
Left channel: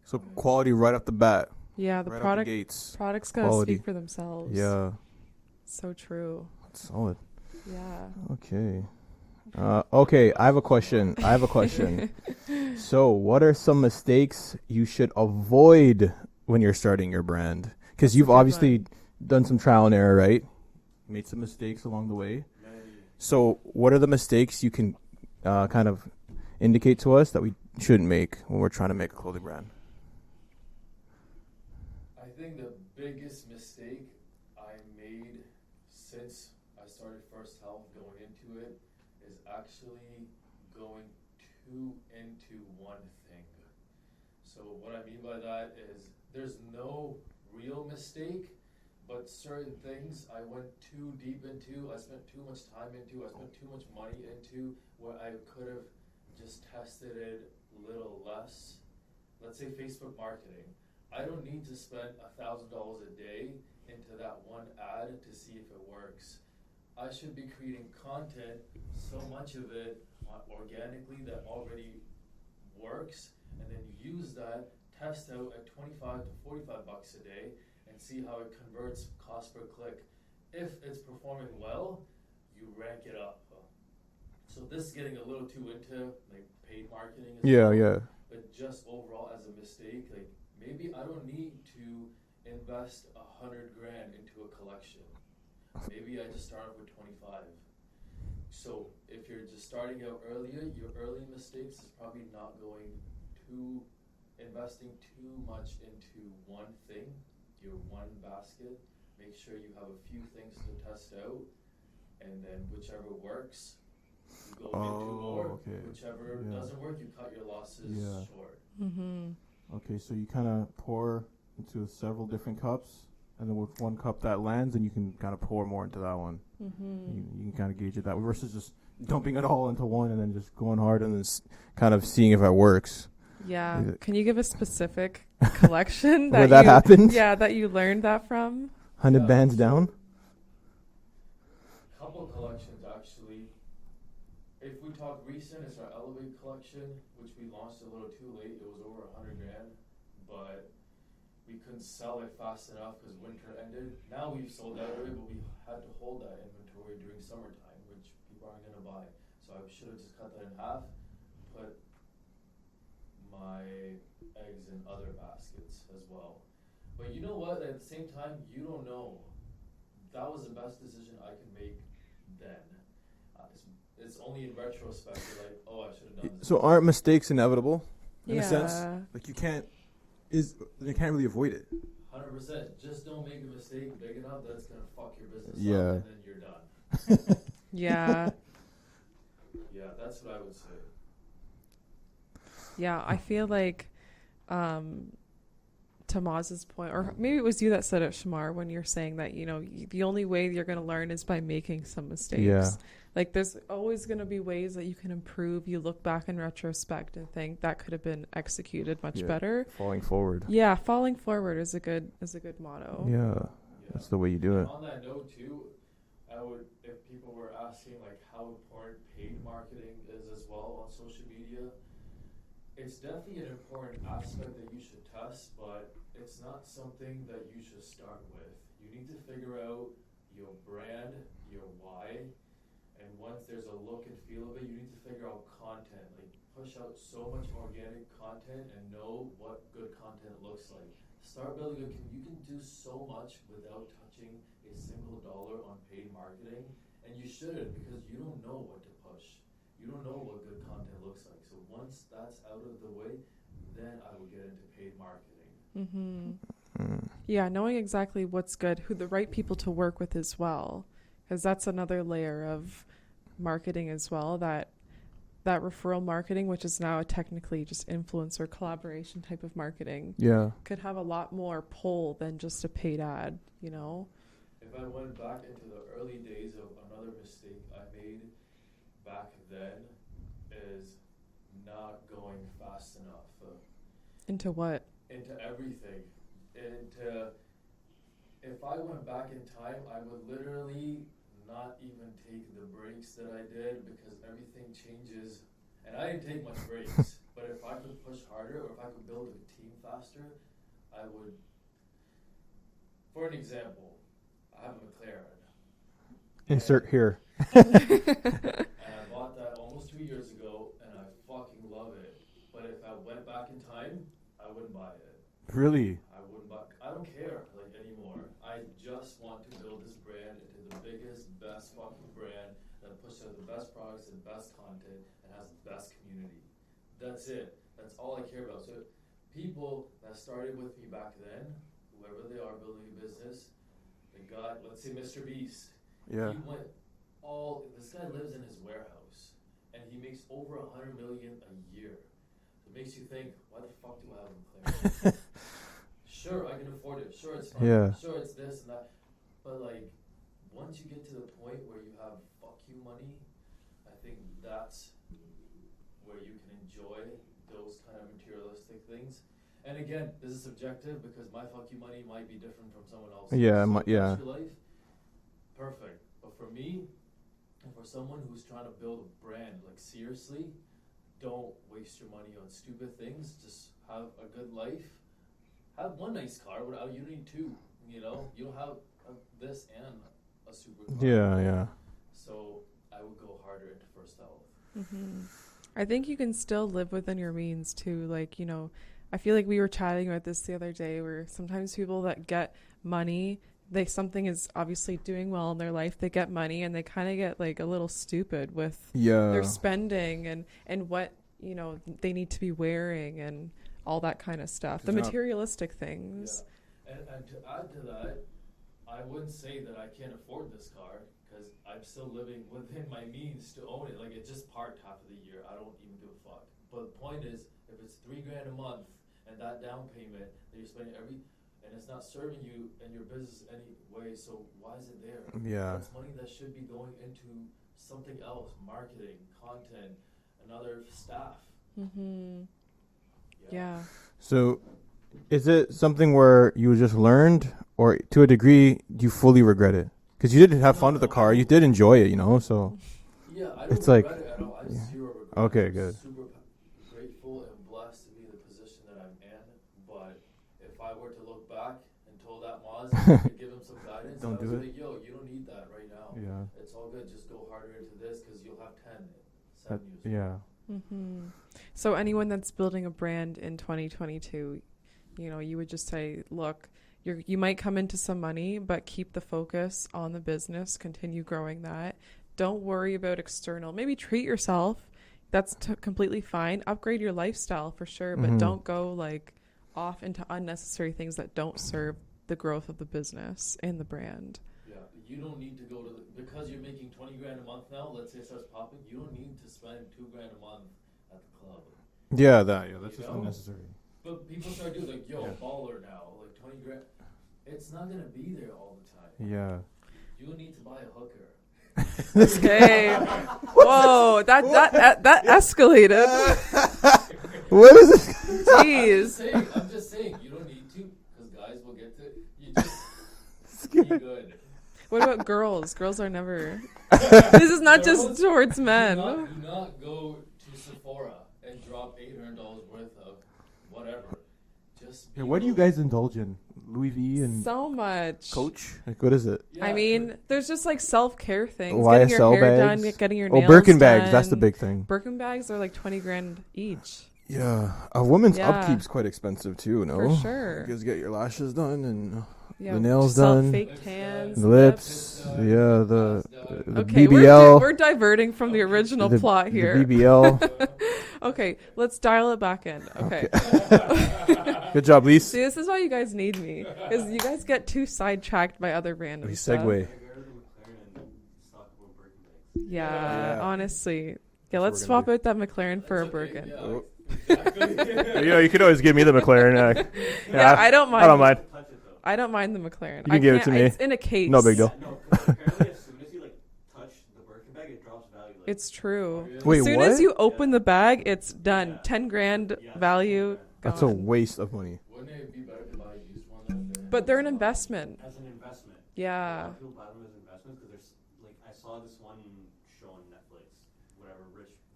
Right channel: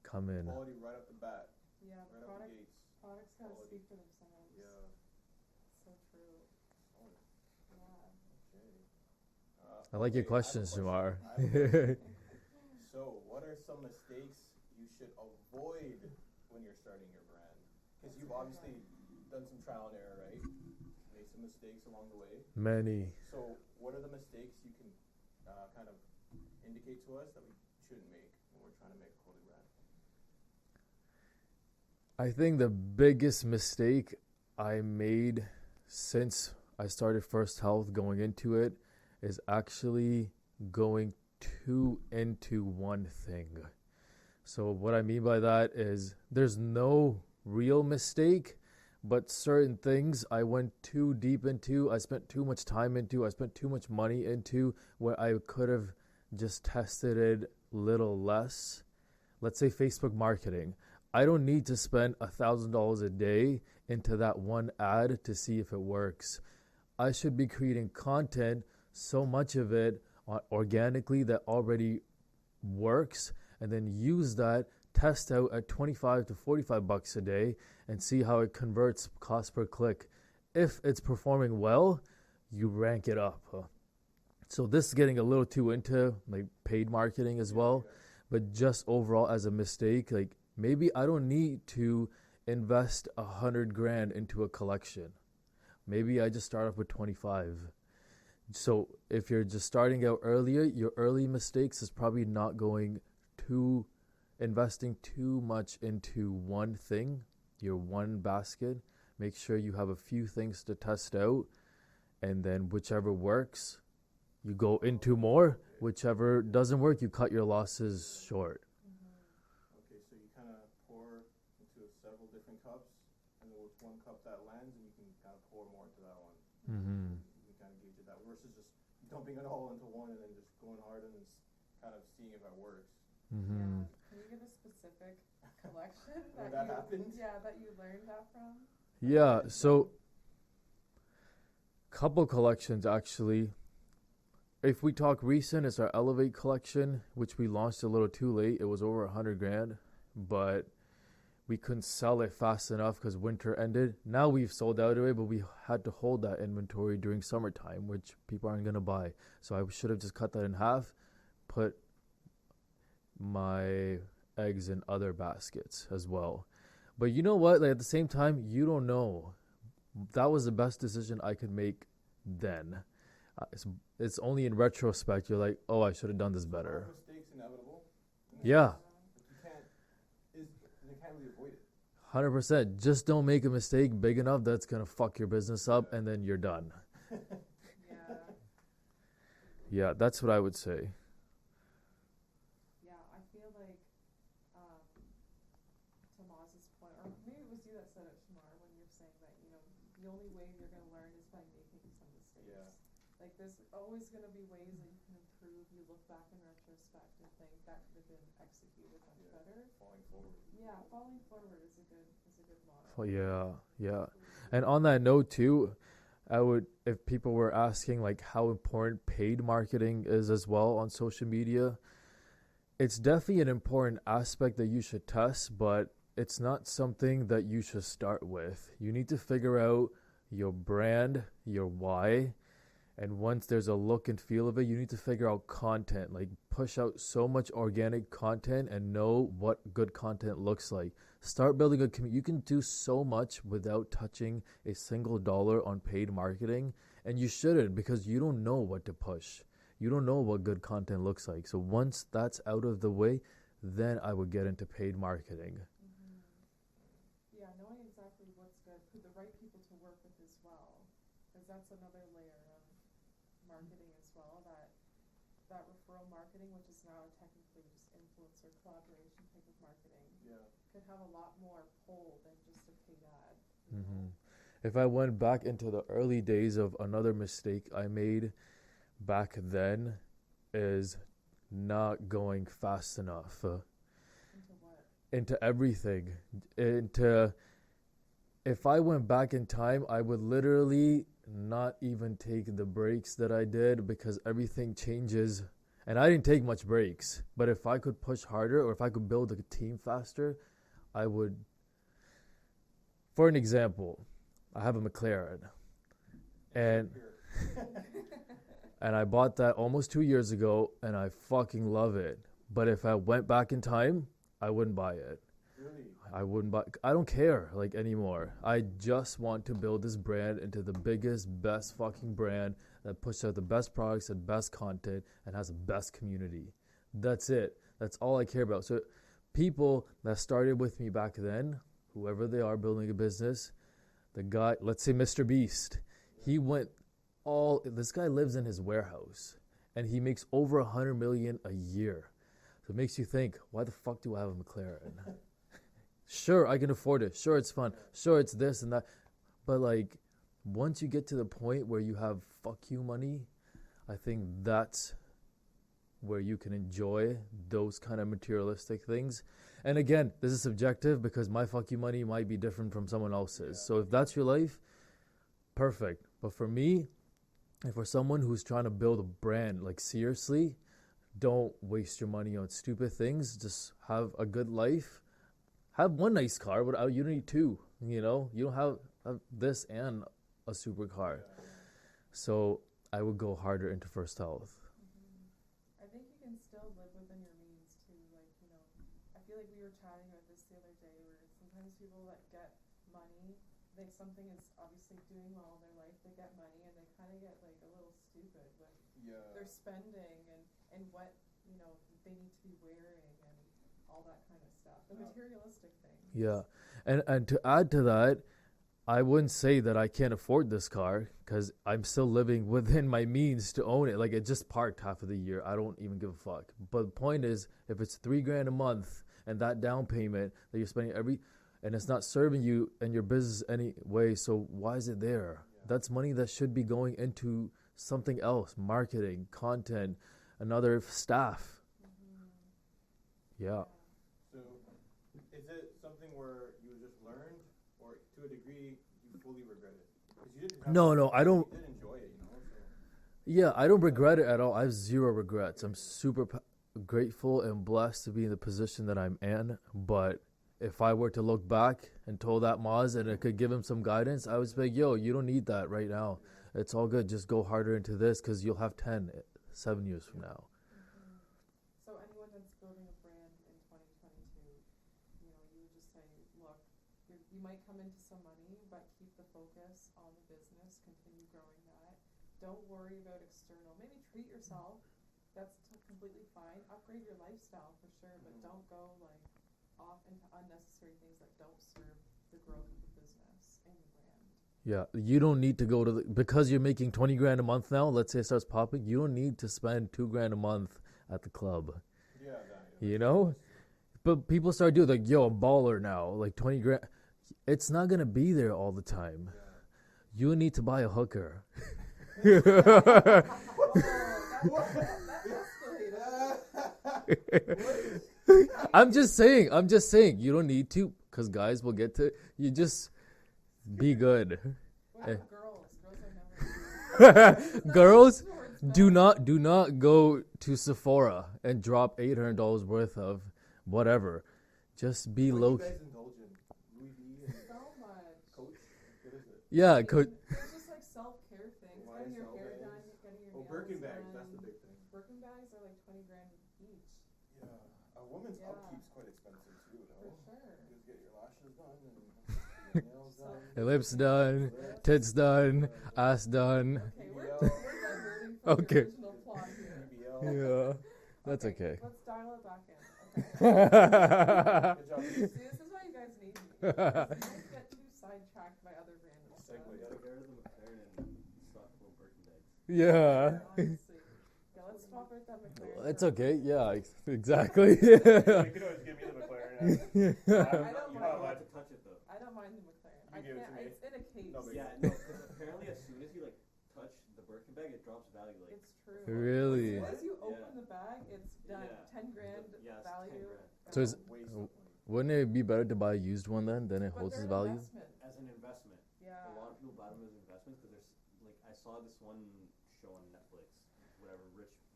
So come in. quality right off the bat. Yeah, the right product out the gates. products gotta Quality. speak for themselves. Yeah. So true. That's solid. Yeah. Okay. Like Okay, your I have a questions, question. I have a question. So, what are some mistakes you should avoid when you're starting your brand? Because That's a you've good obviously done some trial and error, right? Made some mistakes along the way. Many. So, what are the mistakes you can kind of indicate to us that we shouldn't make when we're trying to make a clothing brand? I think the biggest mistake I made since I started First Health going into it is actually going too into one thing. So what I mean by that is there's no real mistake, but certain things I went too deep into, I spent too much time into, I spent too much money into, where I could have just tested it little less. Let's say Facebook marketing. I don't need to spend $1,000 a day into that one ad to see if it works. I should be creating content, so much of it organically that already works, and then use that, test out at 25 to 45 bucks a day and see how it converts cost per click. If it's performing well, you rank it up. So this is getting a little too into like paid marketing as well. Yeah. But just overall as a mistake, like maybe I don't need to invest $100,000 into a collection. Maybe I just start off with 25. So if you're just starting out earlier, your early mistakes is probably not investing too much into one thing, your one basket. Make sure you have a few things to test out, and then whichever works, you go into more. Okay. Whichever Yeah. doesn't work, you cut your losses Yeah. short. Okay, so you kind of pour into several different cups, and then with one cup that lands, and you can kind of pour more into that one. You can kind of gauge it that way versus just dumping it all into one and then just going hard and then kind of seeing if it works. Yeah. Is it- Can you give a specific collection Where that you, happened? Yeah, that you learned that from? 100 Yeah, bands so- down? Couple collections actually. If we talk recent, it's our Elevate collection, which we launched a little too late. It was over $100,000, but we couldn't sell it fast enough because winter ended. Now we've sold out of it, but we had to hold that inventory during summertime, which people aren't gonna buy. So I should have just cut that in half, put my eggs in other baskets as well. But you know what? Like at the same time, you don't know. That was the best decision I could make then. It's only in retrospect you're like, oh, I should have done this. So better. aren't mistakes inevitable? Yeah. Yeah. Like you can't really avoid it. 100%. Just don't make a mistake big enough that's gonna fuck your business up, Yeah. and then you're done. Yeah. Yeah, that's what I would say. Yeah, I feel like to Maz's point, or maybe it was you that said it, Shamar, when you're saying that, the only way you're going to learn is by making some mistakes. Yeah. Like there's always going to be ways that you can improve. You look back in retrospect and think that could have been executed much Yeah. better. Falling forward. Yeah, falling forward is a good motto. Yeah. That's the way you do And it. on that note too, I would, if people were asking like how important paid marketing is as well on social media, It's definitely an important aspect that you should test, but it's not something that you should start with. You need to figure out your brand, your why, and once there's a look and feel of it, you need to figure out content. Like, push out so much organic content and know what good content looks like. Start building a community. You can do so much without touching a single dollar on paid marketing, and you shouldn't, because you don't know what to push. You don't know what good content looks like. So once that's out of the way, then I would get into paid marketing. Yeah, knowing exactly what's good, who the right people to work with as well, because that's another layer of marketing as well, that referral marketing, which is now technically just influencer collaboration type of marketing, could have a lot more pull than just a paid ad, you know? If I went back into the early days of another mistake I made back then is not going fast enough. Into what? Into everything. If I went back in time, I would literally not even take the breaks that I did, because everything changes. And I didn't take much breaks, but if I could push harder, or if I could build a team faster, I would. For an example, I have a McLaren. Insert here. And I bought that almost 2 years ago, and I fucking love it. But if I went back in time, I wouldn't buy it. Really? I wouldn't buy. I don't care anymore. I just want to build this brand into the biggest, best fucking brand that pushes out the best products and best content and has the best community. That's it. That's all I care about. So people that started with me back then, whoever they are building a business, the guy, let's say Mr. Beast, he went this guy lives in his warehouse and he makes over 100 million a year. So it makes you think, why the fuck do I have a McLaren? Sure, I can afford it. Sure, it's fun. Yeah. Sure, it's this and that. But like, once you get to the point where you have fuck you money, I think that's where you can enjoy those kind of materialistic things. And again, this is subjective, because my fuck you money might be different from someone else's. So if that's your life, perfect. But for me, and for someone who's trying to build a brand, like, seriously, don't waste your money on stupid things. Just have a good life. Have one nice car, but you don't need two. You know, you don't have this and a supercar. Yeah. So I would go harder into First Health. I think you can still live within your means too. Like, you know, I feel like we were chatting about this the other day, where sometimes people that get money, something is obviously doing well in their life, they get money and they kind of get like a little stupid with their spending and what, you know, they need to be wearing and all that kind of stuff, the materialistic things. Yeah. And to add to that, I wouldn't say that I can't afford this car, because I'm still living within my means to own it. Like, it just parked half of the year. I don't even give a fuck. But the point is, if it's $3,000 a month and that down payment that you're spending and it's not serving you and your business anyway, so why is it there? Yeah. That's money that should be going into something else, marketing, content, another staff. Yeah. So is it something where you just learned, or to a degree you fully regret it? Because you did have fun with the car, you did enjoy it, you know. So yeah, I don't regret it at all. I have zero regrets. Okay, I'm good. Super grateful and blessed to be in the position that I'm in. But if I were to look back and told that Maz and I could give him some guidance, I would say, like, yo, you don't need that right now. Yeah. It's all good. Just go harder into this, because you'll have 7 years from now. So anyone that's building a brand in 2022, you know, you would just say, look, you might come into some money, but keep the focus on the business, continue growing that. Don't worry about external. Maybe treat yourself. That's completely fine. Upgrade your lifestyle for sure, but don't go like off into unnecessary things that don't serve the growth of the business and the brand. Yeah, you don't need to go to because you're making $20,000 a month now. Let's say it starts popping. You don't need to spend $2,000 a month at the club. Yeah, that's you know. unnecessary. But people start doing like, yo, I'm baller now. Like $20,000. It's not gonna be there all the time. Yeah. You need to buy a hooker. Okay. Whoa, that escalated. What is it? Jeez. I'm just saying. You don't need to, because guys will get to. You just be good. What about girls? Girls are never. This is not Girls just towards men. Do not go to Sephora and drop $800 worth of whatever. Just be. What do you guys indulge in? Louis V and So much. Coach? Like, what is it? Yeah, I mean, there's just like self-care things. YSL Getting your hair bags? done, getting your Oh, nails Birkin done. bags. That's the big thing. Birkin bags are like 20 grand each. Yeah. A woman's Yeah. upkeep's quite expensive, too, no? For sure. You guys get your lashes done and Yeah, the nails sell done. fake Lips tans, done. the lips. Tits done. Yeah, the ass done. the Okay, BBL. we're diverting from the Okay. original the, plot the here. BBL. Okay, okay. let's dial it back in. Okay. Good job, Lise. See, this is why you guys need me. Because you guys get too sidetracked by other random We stuff. segue. Yeah, Yeah. honestly. Yeah, what let's we're swap out that McLaren for It's a okay. Birkin. Yeah, exactly. You know, you could always give me the McLaren. Yeah, I don't mind. I don't mind. I don't mind the McLaren. You can give it to me. It's in a case. No big deal. Apparently, as soon as you touch the Birkin bag, it drops value. It's true. Really? Wait, As soon what? as you open the bag, it's done. 10 grand value. That's a goes. waste of money. Wouldn't it be better to buy a used one then? Than it But holds they're an its value? investment. As an investment. A Yeah. lot of people buy them as investments because there's I saw this one show on Netflix, whatever,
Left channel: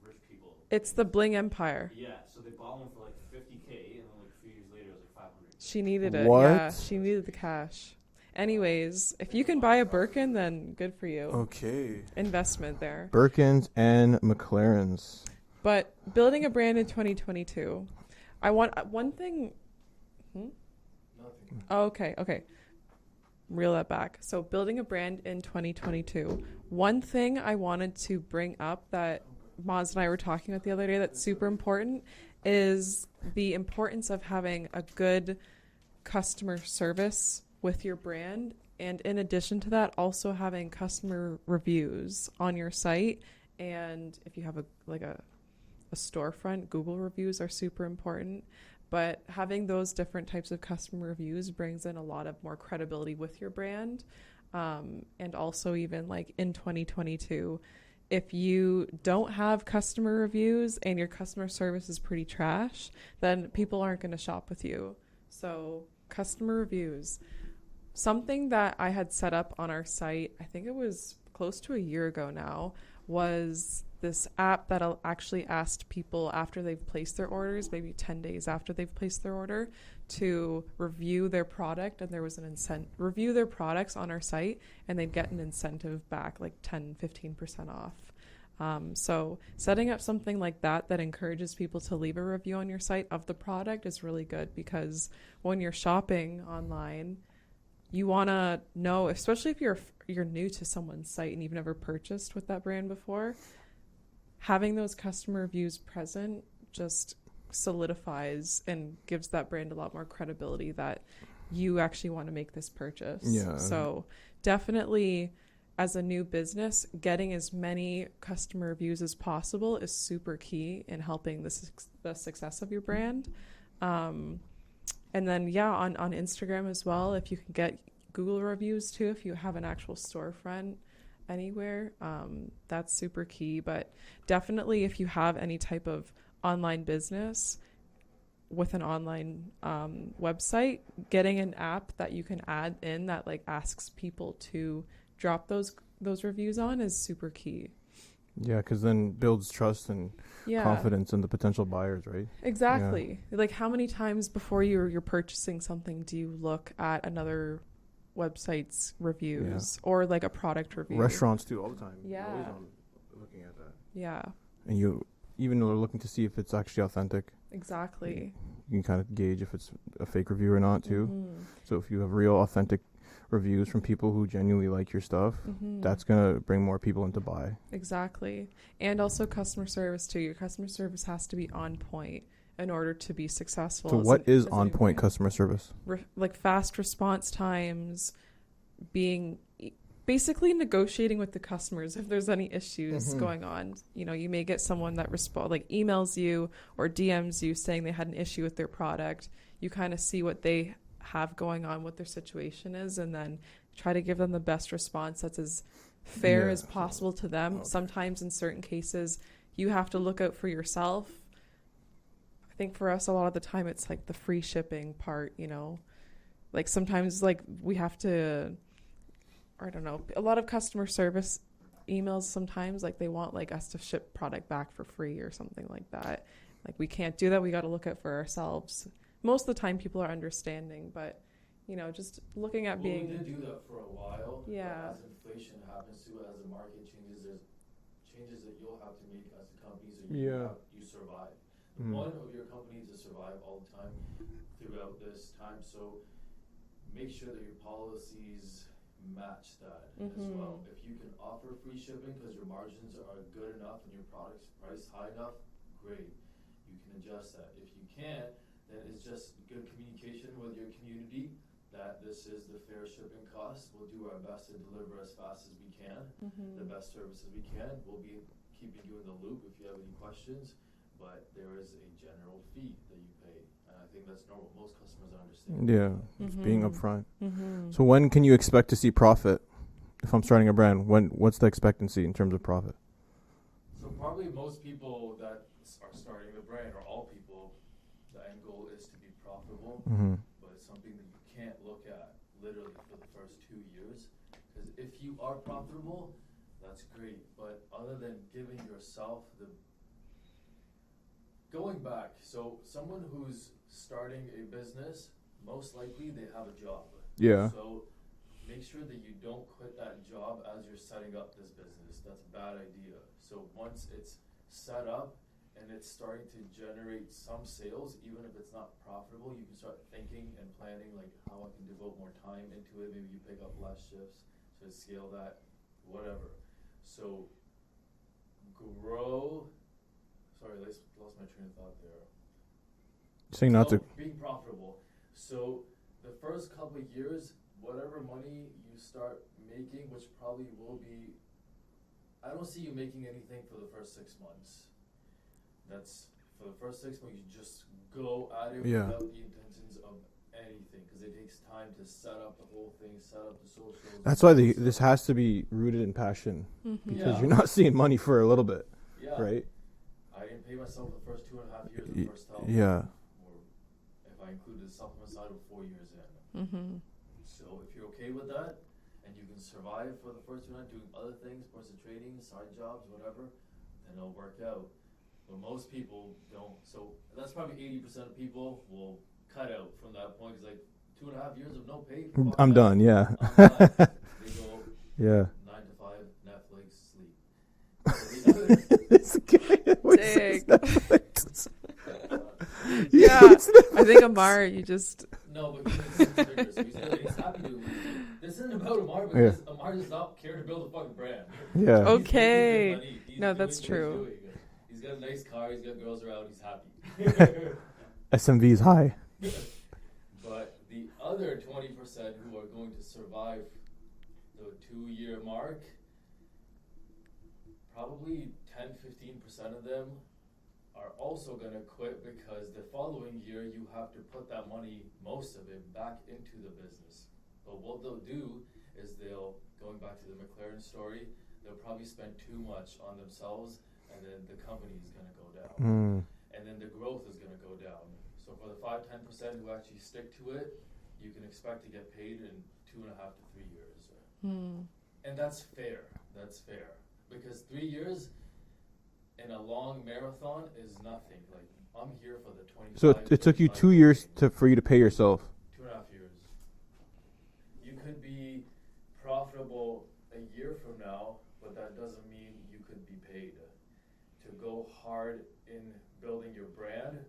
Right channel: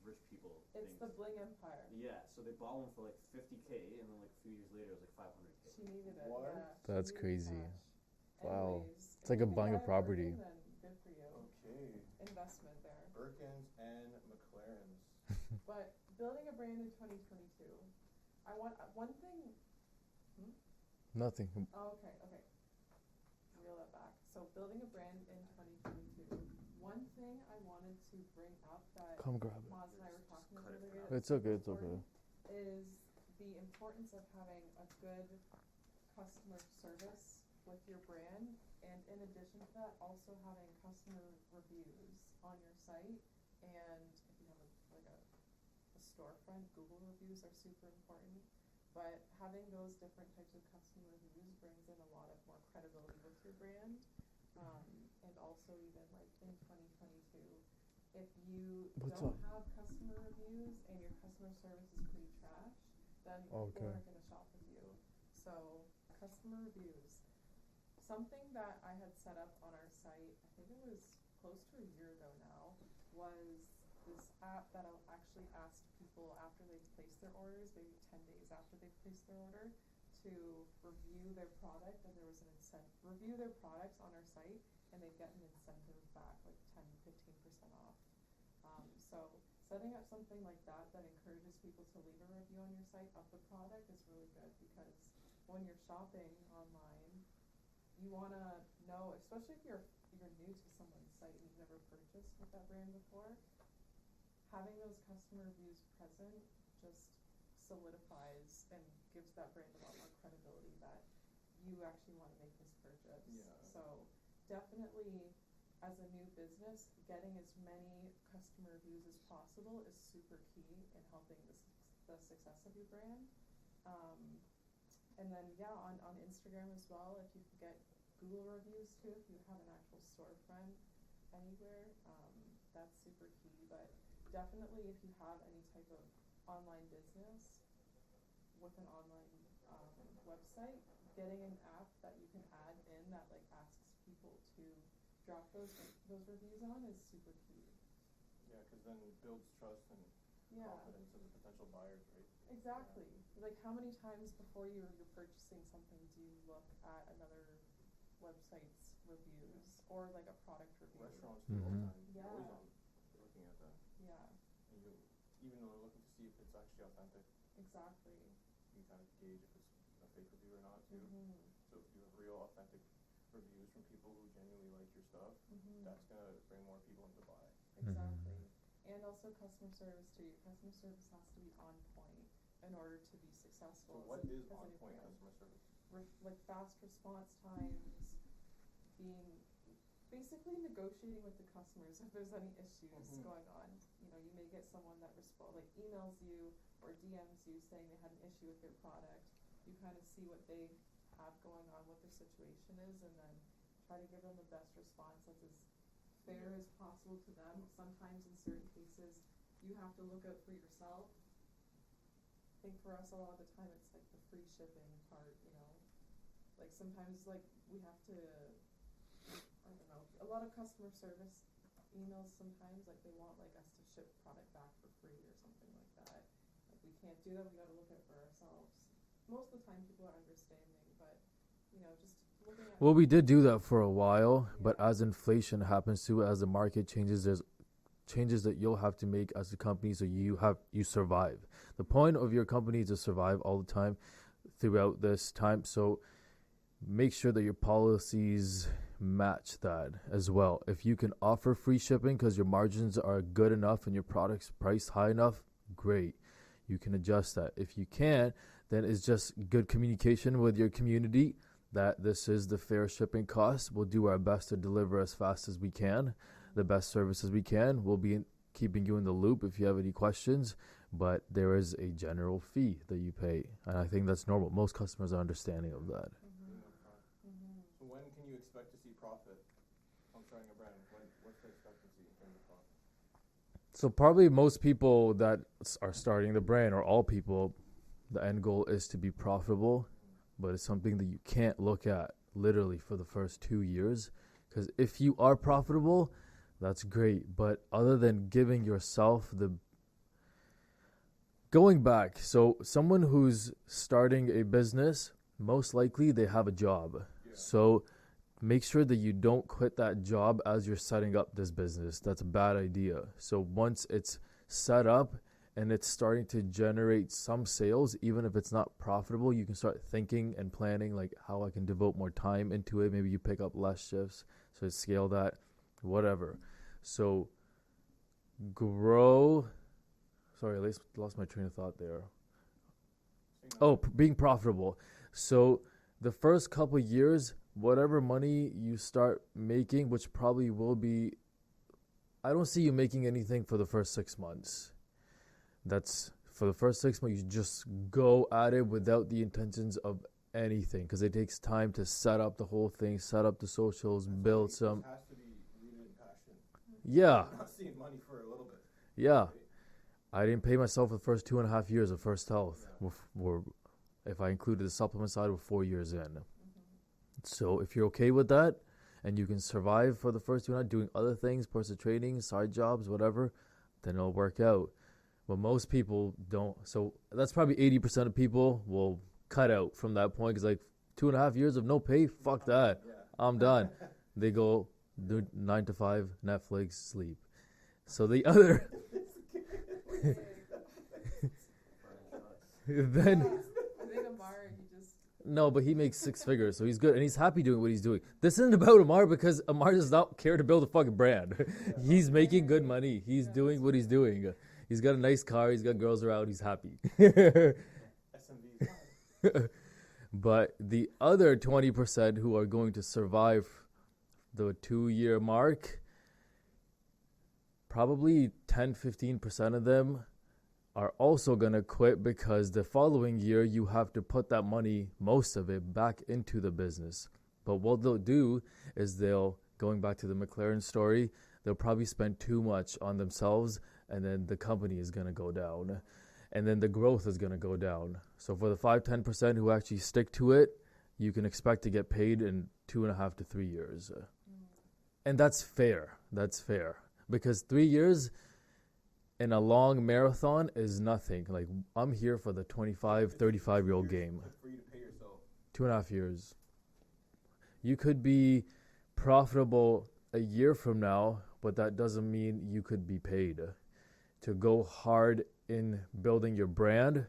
rich people. It's the Bling Empire. Yeah, so they bought one for like $50K, and then like a few years later, it was like $500. She needed it. What? Yeah, she That's needed the crazy. cash. Anyways, if like you a can buy buy a a Birkin, property. then good for you. Okay. Investment there. Birkins and McLarens. But building a brand in 2022, I want one thing. Nothing. Oh, okay. Reel that back. So building a brand in 2022. One thing I wanted to bring up that Come grab. Maz and I were talking about the other day that's It's super okay, it's important is the importance of having a good customer service with your brand. And in addition to that, also having customer reviews on your site. And if you have a storefront, Google reviews are super important. But having those different types of customer reviews brings in a lot of more credibility with your brand. And also even like in 2022, if you don't have customer reviews and your customer service is pretty trash, then people aren't going to shop with you. So customer reviews. Something that I had set up on our site, I think it was close to a year ago now, was this app that actually asked people after they've placed their orders, maybe 10 days after they've placed their order, to review their product. And there was an incentive, review their products on our site, and they'd get an incentive back, like 10-15% off. So setting up something like that encourages people to leave a review on your site of the product is really good, because when you're shopping online, you want to know, especially if you're new to someone's site and you've never purchased with that brand before, having those customer reviews present just solidifies and gives that brand a lot more credibility that you actually want to make this purchase. Yeah. So definitely, as a new business, getting as many customer reviews as possible is super key in helping the success of your brand. And then, on Instagram as well, if you can get Google reviews too, if you have an actual storefront anywhere, that's super key. But definitely, if you have any type of online business with an online website, getting an app that you can add in that like asks people to drop those reviews on is super key. Yeah, because then builds trust and confidence in the potential buyers, right? Exactly. Like, how many times before you're purchasing something do you look at another website's reviews or like a product review? Restaurants do all the time. Yeah. You're always looking at that. Yeah, And you even are looking to see if it's actually authentic. exactly. You can kind of gauge if it's a fake review or not too. Mhm. So if you have real authentic reviews from people who genuinely like your stuff, Mhm. that's going to bring more people in to buy. Exactly. And also customer service too. Your customer service has to be on point in order to be successful. So as what an- is as a on new point brand. customer service? Like fast response times, basically negotiating with the customers if there's any issues going on. You may get someone that emails you or DMs you saying they had an issue with their product. You kind of see what they have going on, what their situation is, and then try to give them the best response that's as fair as possible to them. Okay. Sometimes in certain cases you have to look out for yourself. I think for us a lot of the time it's like the free shipping part, like sometimes like we have to I don't know, a lot of customer service emails sometimes, like they want like us to ship product back for free or something like that. Like we can't do that. We got to look out for ourselves. Most of the time people are understanding, but you know, just looking at Well, being, we did do that for a while, but Yeah. as inflation happens too, as the market changes, there's changes that you'll have to make as a company so Yeah. you survive. The Mm. point of your company is to survive all the time throughout this time. So make sure that your policies match that as well. If you can offer free shipping because your margins are good enough and your product's priced high enough, great. You can adjust that. If you can't, then it's just good communication with your community that this is the fair shipping cost. We'll do our best to deliver as fast as we can, the best services we can. We'll be keeping you in the loop if you have any questions, but there is a general fee that you pay, and I think that's normal. Most customers are understanding Yeah. of that. It's being upfront. Mm-hmm. So when can you expect to see profit? If I'm starting a brand, what's the expectancy in terms of profit? So probably most people that are starting the brand, or all people, the end goal is to be profitable, Mm-hmm. but it's something that you can't look at literally for the first 2 years. Because if you are profitable, that's great. But other than giving yourself the going back, so someone who's starting a business, most likely they have a job. Yeah. So make sure that you don't quit that job as you're setting up this business. That's a bad idea. So once it's set up and it's starting to generate some sales, even if it's not profitable, you can start thinking and planning like how I can devote more time into it. Maybe you pick up less shifts, so scale that, whatever. So grow. Sorry, I lost my train of thought there. Saying not to. Being profitable. So the first couple years, whatever money you start making, which probably will be, I don't see you making anything for the first 6 months. That's for the first 6 months, you just go at it Yeah. without the intentions of anything, because it takes time to set up the whole thing, set up the socials. That's why build this some- has to be rooted in passion. Mm-hmm. Yeah. You're not seeing money for a little bit, Yeah. right? I didn't pay myself the first 2.5 years of Y- First Health. yeah. Or if I included the supplement side, we're 4 years in. Mm-hmm. So if you're okay with that and you can survive for the first 2 doing other things, personal training, side jobs, whatever, then it'll work out. But most people don't. So that's probably 80% of people will cut out from that point because like 2.5 years of no pay, fuck I'm that. done. Yeah. I'm done. They go Yeah. 9 to 5, Netflix, sleep. So the other This guy always Dang. says Netflix. Yeah. I think Amar, you just no, but he makes 6 figures, so he's good and he's happy doing what he's doing. This isn't about Amar because Amar does not care to build a fucking brand. Yeah. Oh. He's making Okay. good money. He's No, doing that's what he's true. doing. He's got a nice car. He's got girls around. He's happy. SMV is high. But the other 20% who are going to survive the 2-year mark, probably 10-15% of them are also going to quit because the following year you have to put that money, most of it, back into the business. But what they'll do is going back to the McLaren story, they'll probably spend too much on themselves, and then the company is going to go down. Mm. And then the growth is going to go down. So for the 5-10% who actually stick to it, you can expect to get paid in 2.5 to 3 years. And that's fair. That's fair. Because 3 years in a long marathon is nothing. Like, I'm here for the 25, So it took you 35 2 goal years game. for you to pay yourself. 2.5 years. You could be profitable a year from now, but that doesn't mean you could be paid. To go hard in building your brand,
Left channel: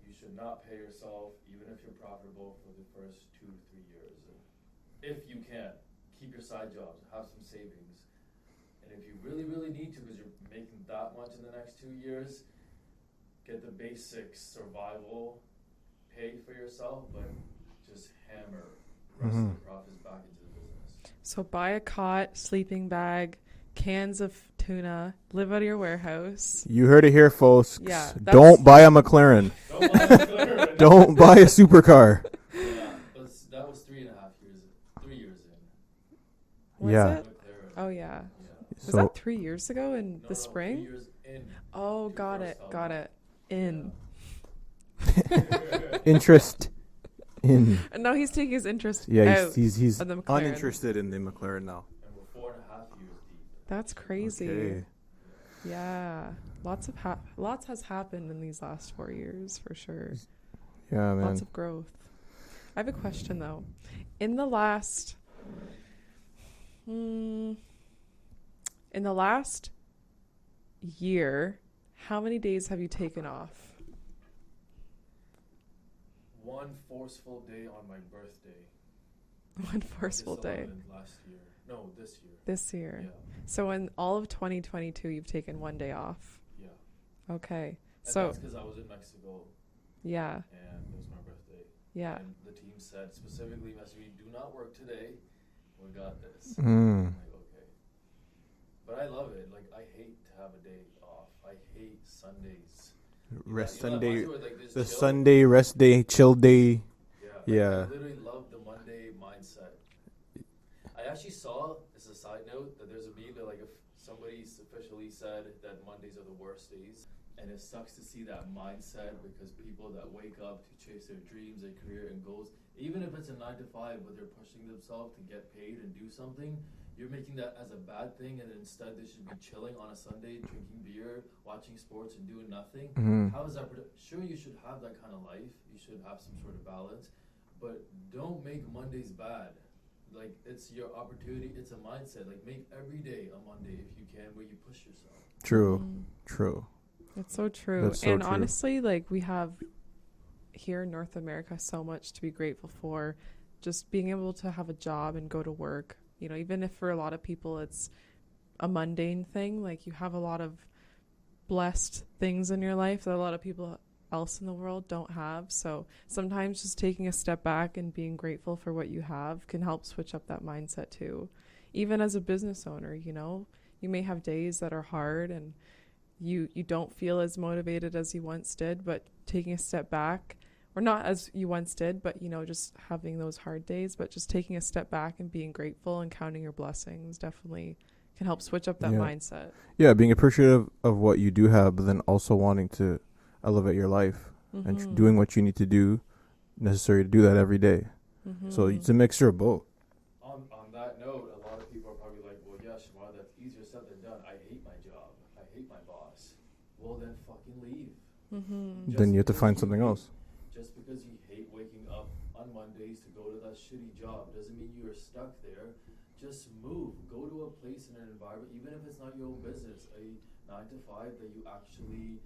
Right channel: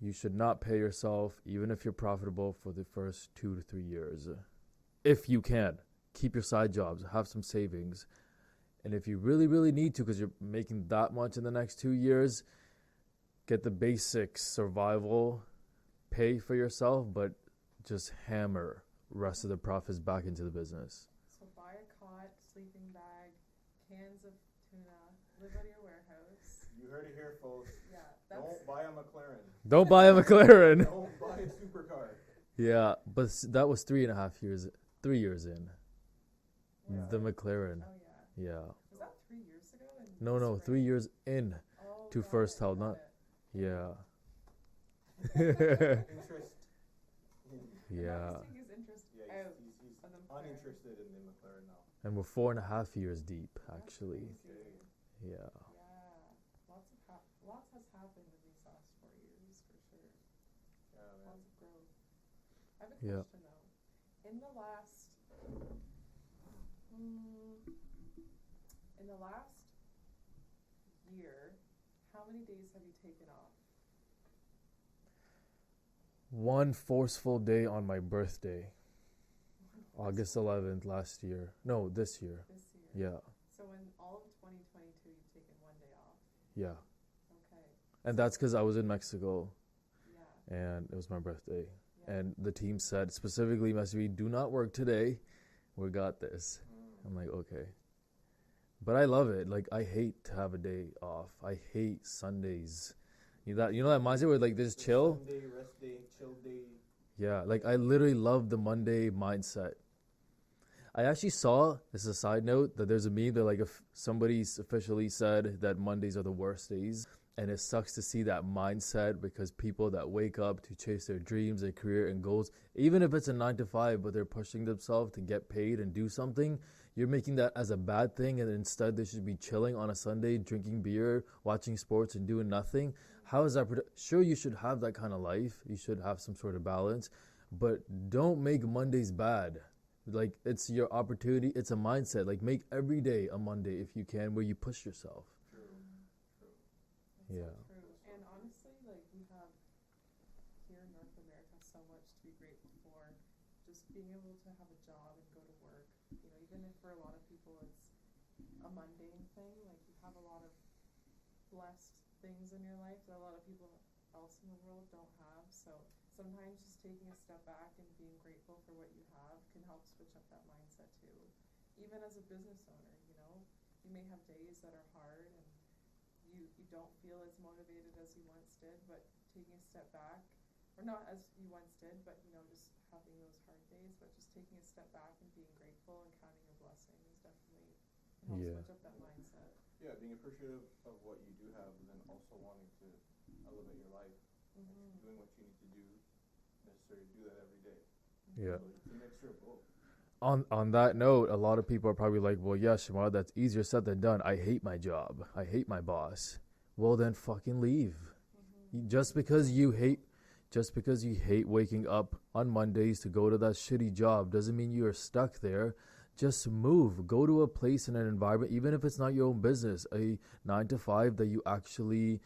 you should not pay yourself, even if you're profitable, for the first 2 to 3 years. If you can, keep your side jobs, have some savings. And if you really, really need to, because you're making that much in the next 2 years, get the basics, survival, pay for yourself, but just hammer rest of the profits back into the business. so buy a cot, sleeping bag, cans of tuna, live out of your warehouse. You heard it here, folks. Yeah, Don't buy a McLaren. Don't buy a McLaren. Don't buy a supercar. Yeah, but that was 3.5 years, 3 years in. Was Yeah. it? The McLaren. Oh yeah. Yeah. Was So that 3 years ago in No, the no, spring? 3 years in. Oh, to got First it. Health, Got not- it. In. Yeah. interest. in. And now he's taking his interest Yeah, out. he's of the McLaren. uninterested in the McLaren now. And we're 4.5 years deep. That's crazy. Okay. Yeah. Yeah, lots has happened in these last 4 years for sure. Yeah, man. Lots of growth. I have a question though. In the last year, how many days have you taken off? One forceful day on my birthday. One forceful August day 11th last year. No, this year. this year. Yeah. So in all of 2022, you've taken one day off. Yeah. Okay. And so that's because I was in Mexico yeah, and it was my birthday. yeah. And the team said specifically, Messi, do not work today. We got this. Mm. I'm like, okay. But I love it. Like, I hate to have a day off. I hate Sundays. Rest You know that Sunday- mindset where like this the chill? Sunday rest day, chill day. Yeah, like Yeah. I literally love the Monday mindset. I actually saw, this is a side note, that there's a meme that like if somebody's officially said that Mondays are the worst days, and it sucks to see that mindset because people that wake up to chase their dreams, their career and goals, even if it's a 9 to 5, but they're pushing themselves to get paid and do something, you're making that as a bad thing, and instead they should be chilling on a Sunday, drinking beer, watching sports and doing nothing. Mm-hmm. How is that? Sure, you should have that kind of life. You should have some sort of balance, but don't make Mondays bad. Like, it's your opportunity. It's a mindset. Like, make every day a Monday if you can, where you push yourself. True, Mm. true. That's Yeah. so true. That's so and true. honestly, like we have here in North America so much to be grateful for. Just being able to have a job and go to work. You know, even if for a lot of people it's a mundane thing, like you have a lot of blessed things in your life that a lot of people else in the world don't have. So sometimes just taking a step back and being grateful for what you have can help switch up that mindset too. Even as a business owner, you know, you may have days that are hard and you don't feel as motivated as you once did, but taking a step back, or not as you once did, but you know, just having those hard days, but just taking a step back and being grateful and counting your blessings definitely can help Yeah. switch up that Yeah. mindset. Yeah, being appreciative of what you do have, but then also wanting to elevate your life and Mhm. doing what you need to do necessary to do that every day. Mhm. So it's a mixture of both. On that note, a lot of people are probably like, well, yeah, Shamar, that's easier said than done. I hate my job. I hate my boss. Well, then fucking leave. Mhm. Just then you have to because find you something hate- else. Just because you hate waking up on Mondays to go to that shitty job doesn't mean you're stuck there. Just move. Go to a place in an environment, even if it's not your own business, a 9 to 5 that you actually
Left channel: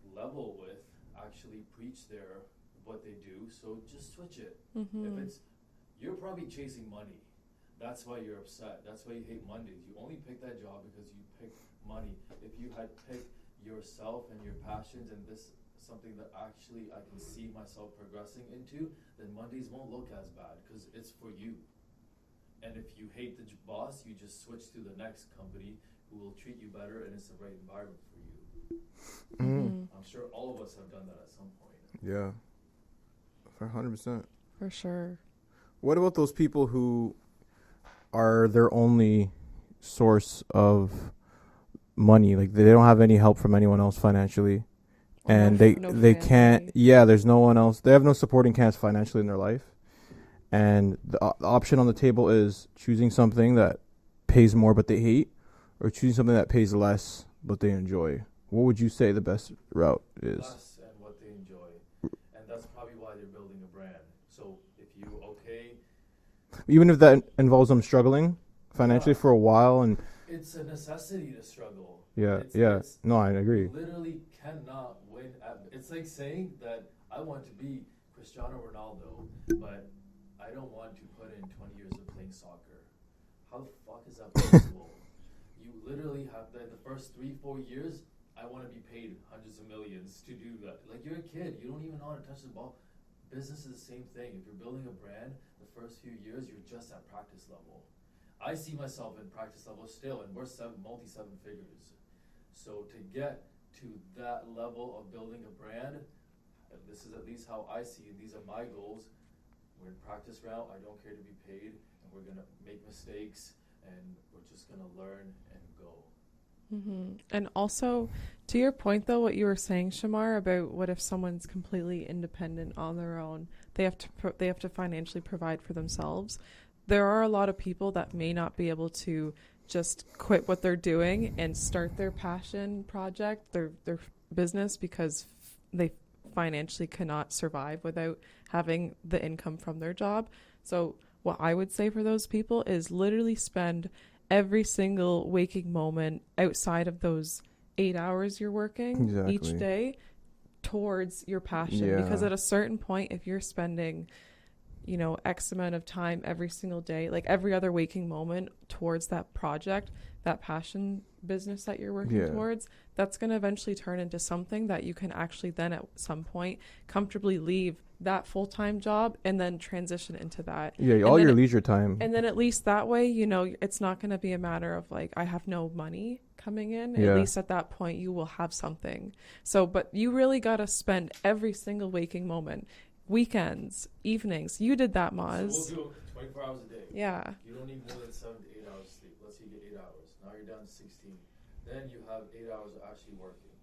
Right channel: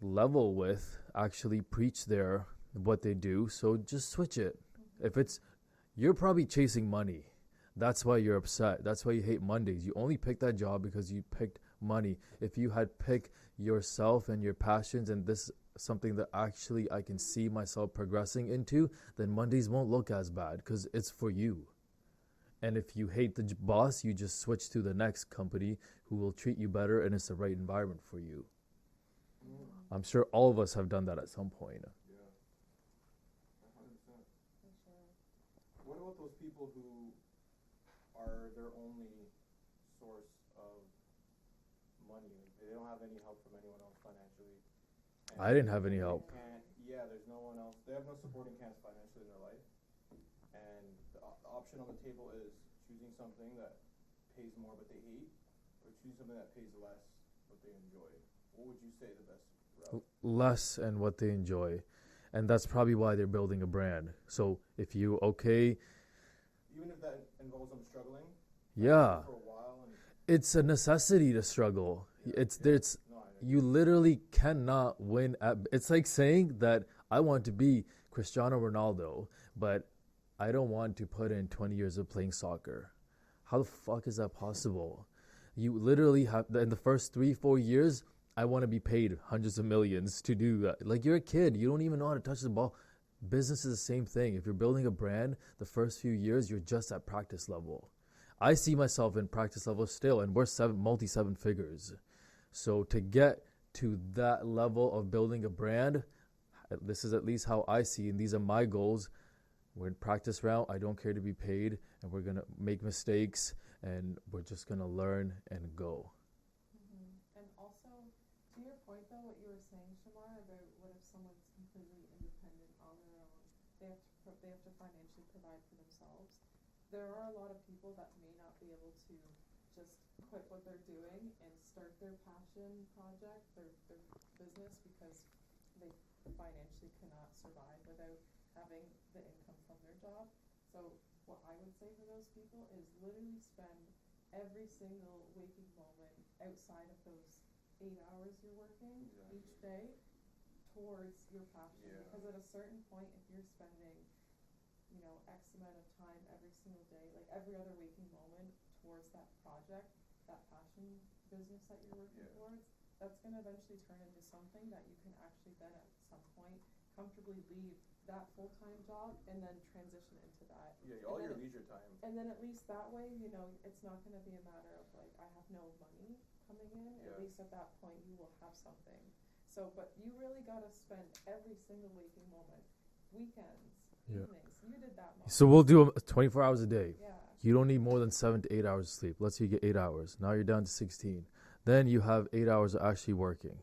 level with, actually preach there what they do. So just switch it. If Mhm. it's, you're probably chasing money. That's why you're upset. That's why you hate Mondays. You only picked that job because you picked money. If you had picked yourself and your passions and this something that actually I can see myself progressing into, then Mondays won't look as bad because it's for you. And if you hate the boss, you just switch to the next company who will treat you better and it's the right environment for you. Mhm. I'm sure all of us have done that at some point. Yeah, for 100%. For sure. What about those people who are their only source of money? Like they don't have any help from anyone else financially, and They they have no they can't. family. Yeah, there's no one else. They have no supporting cast financially in their life, and the option on the table is choosing something that pays more but they hate, or choosing something that pays less but they enjoy. What would you say the best route is? Less and what they enjoy. And that's probably why they're building a brand. So if you, Even if that involves them struggling financially Yeah. for a while, and it's a necessity to struggle. yeah, It's, yeah. it's No, I agree. You literally cannot win at. It's like saying that I want to be Cristiano Ronaldo, but I don't want to put in 20 years of playing soccer. How the fuck is that possible? You literally have in the first 3-4 years. I want to be paid hundreds of millions to do that. Like, you're a kid, you don't even know how to touch the ball. Business is the same thing. If you're building a brand, the first few years you're just at practice level. I see myself in practice level still, and we're multi 7 figures. So to get to that level of building a brand, this is at least how I see, and these are my goals. We're in practice round. I don't care to be paid, and we're gonna make mistakes, and we're just gonna learn and go. And also, to your point though, what you were saying, Shamar, about what if someone's completely independent on their own, they have to they have to financially provide for themselves. There are a lot of people that may not be able to just quit what they're doing and start their passion project, their business, because they financially cannot survive without having the income from their job. So what I would say for those people is literally spend every single waking moment outside of those 8 hours you're working each Exactly. day towards your passion. Yeah. Because at a certain point, if you're spending, you know, X amount of time every single day, like every other waking moment towards that project, that passion business that you're working Yeah. towards, that's going to eventually turn into something that you can actually then at some point comfortably leave that full-time job and then transition into that. Yeah, And all then your it- leisure time. And then at least that way, you know, it's not going to be a matter of like, I have no money coming in. Yeah. At least at that point, you will have something. So, but you really got to spend every single waking moment, weekends, evenings. You did that, Maz. So we'll do 24 hours a day. Yeah. You don't need more than 7 to 8 hours of sleep. Let's say you get 8 hours. Now you're down to 16. Then you have 8 hours of actually working.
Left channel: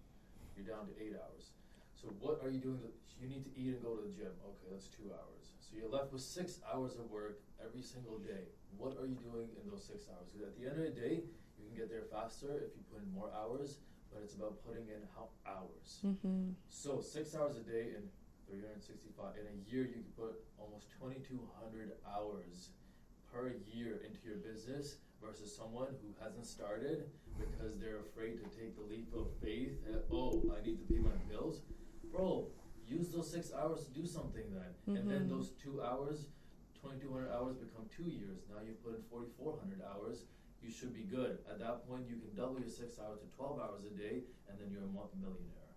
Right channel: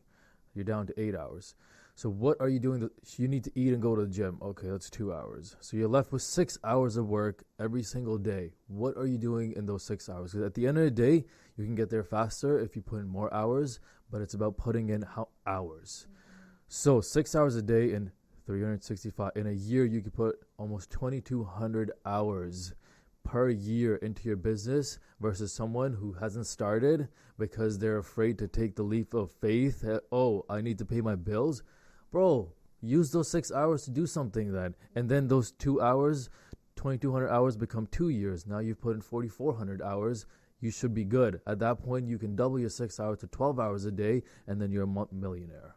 You're down to 8 hours. So what are you doing? You need to eat and go to the gym. Okay, that's 2 hours. So you're left with 6 hours of work every single day. What are you doing in those 6 hours? Because at the end of the day, you can get there faster if you put in more hours, but it's about putting in hours. So 6 hours a day and 365. In a year, you could put almost 2,200 hours per year into your business versus someone who hasn't started because they're afraid to take the leap of faith. Oh, I need to pay my bills. Bro, use those 6 hours to do something then. And then those 2 hours, 2,200 hours become 2 years. Now you've put in 4,400 hours. You should be good. At that point, you can double your 6 hours to 12 hours a day, and then you're a millionaire.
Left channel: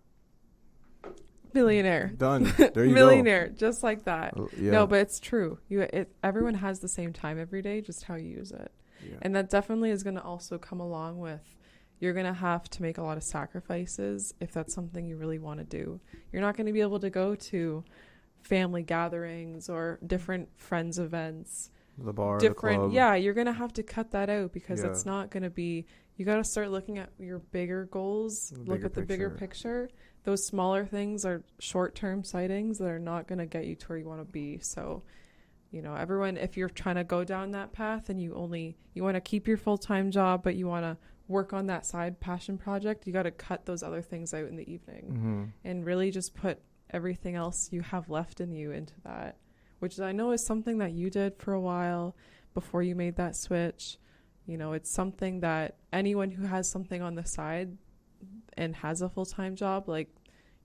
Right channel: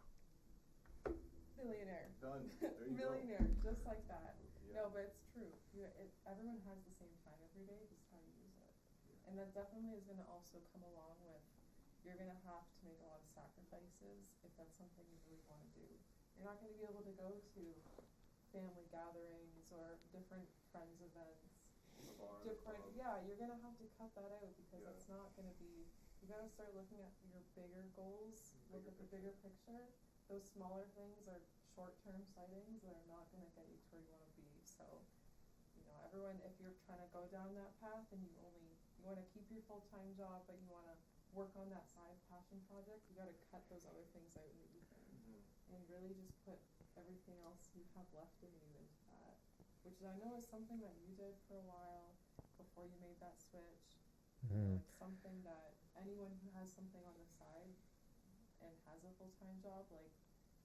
Millionaire. Done. There you Millionaire, just like that. go. Yeah. No, but it's true. Everyone has the same time every day, just how you use it. Yeah. And that definitely is going to also come along with, you're going to have to make a lot of sacrifices if that's something you really want to do. You're not going to be able to go to family gatherings or different friends events. The bar, Different, the club. yeah, you're going to have to cut that out because Yeah. it's not going to be, you got to start looking at your bigger goals, The look bigger at the bigger picture. Those smaller things are short-term sightings that are not going to get you to where you want to be. So, you know, everyone, if you're trying to go down that path and you want to keep your full-time job, but you want to work on that side passion project, you got to cut those other things out in the evening and really just put everything else you have left in you into that, which I know is something that you did for a while before you made that switch. You know, it's something that anyone who has something on the side and has a full-time job, like,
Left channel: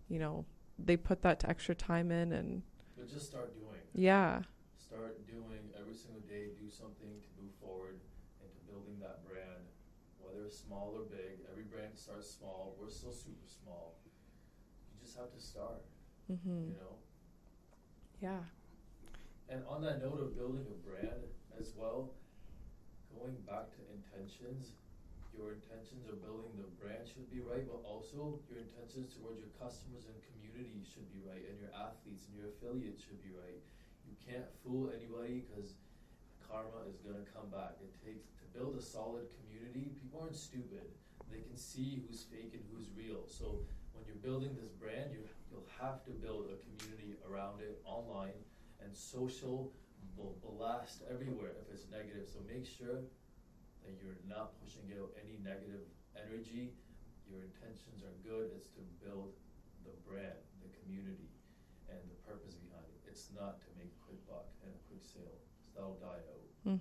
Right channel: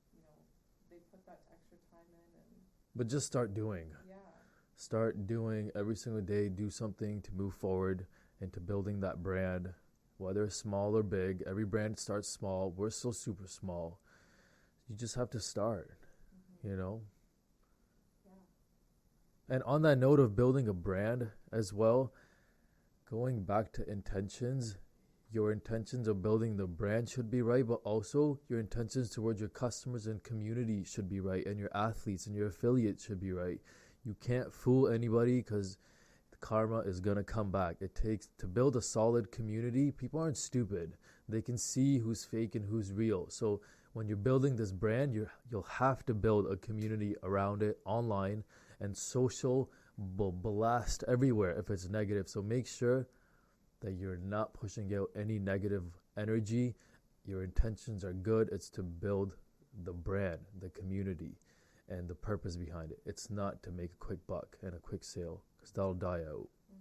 you know, they put that extra time in and But just start doing. yeah. Start doing every single day. Do something to move forward into building that brand, whether it's small or big. Every brand starts small. We're still super small. You just have to start, you know? Yeah. And on that note of building a brand as well, going back to intentions, your intentions of building the brand should be right, but also your intentions towards your customers and community should be right, and your athletes and your affiliates should be right. You can't fool anybody because karma is going to come back. It takes to build a solid community. People aren't stupid. They can see who's fake and who's real. So when you're building this brand, you'll have to build a community around it online, and social will blast everywhere if it's negative. So make sure that you're not pushing out any negative energy. Your intentions are good. It's to build the brand, the community, and the purpose behind it. It's not to make a quick buck and a quick sale, because that'll die out.